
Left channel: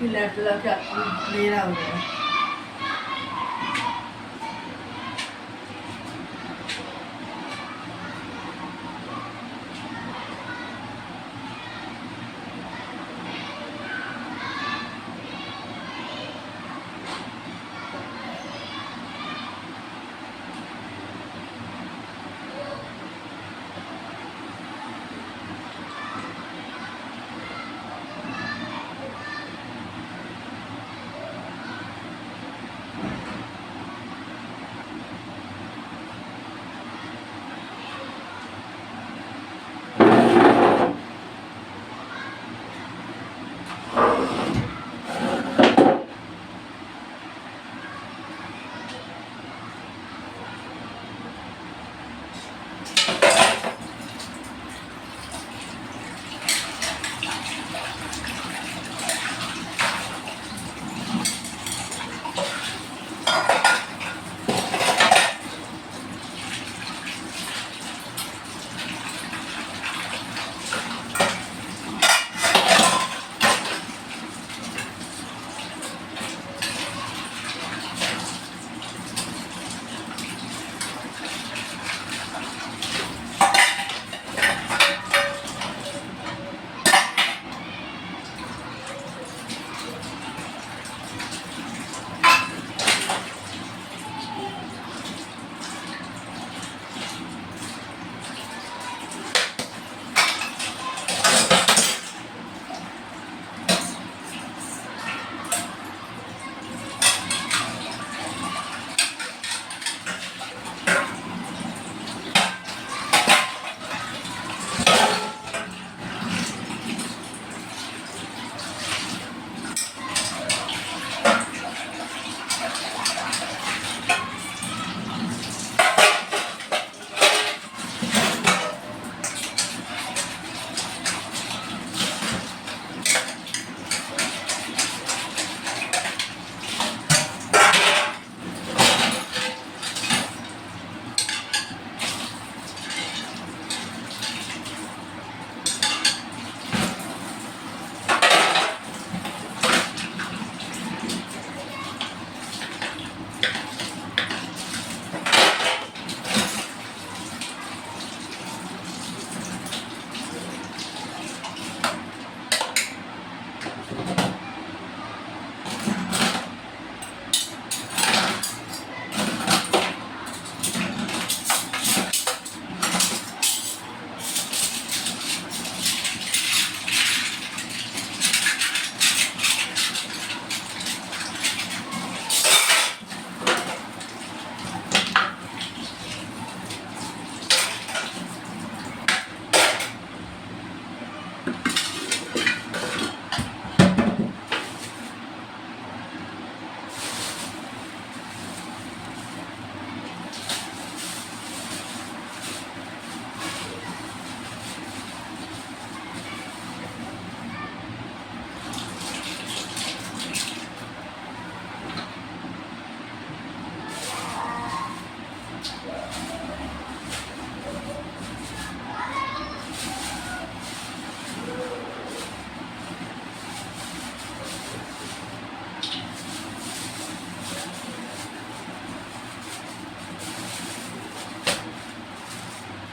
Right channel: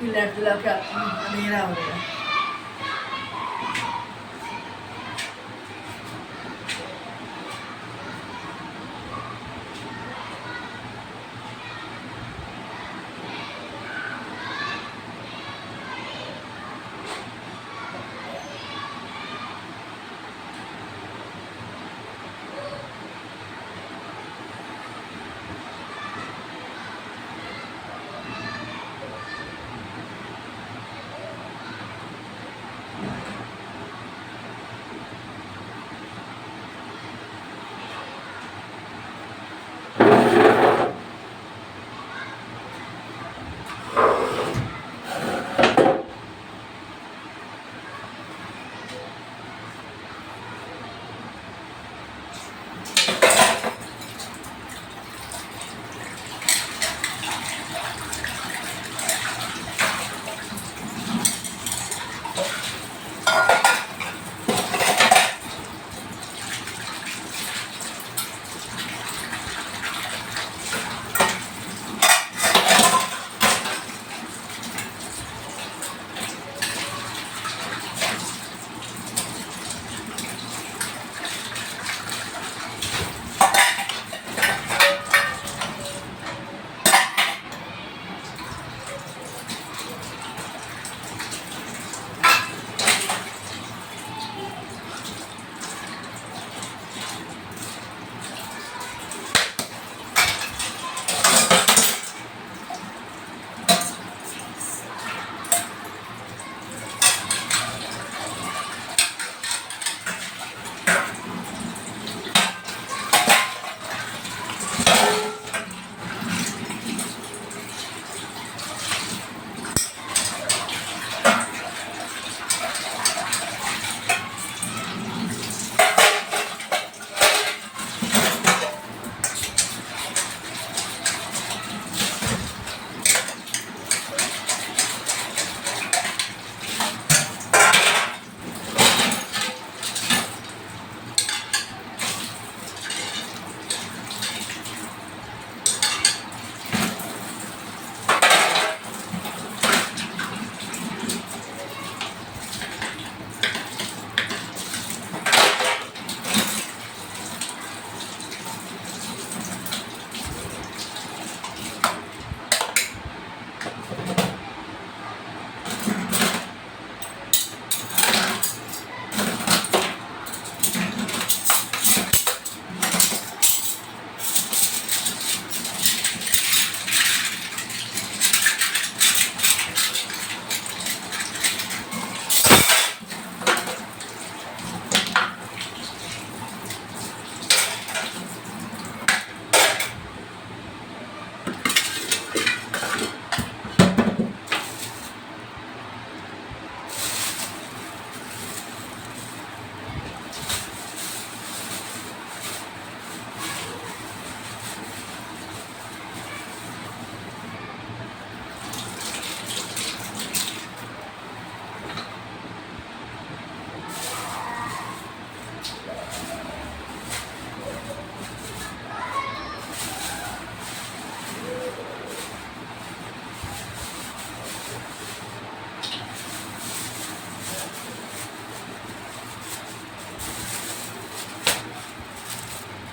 की लाइट जला के आती हूँ, अंधेरा हो गया है।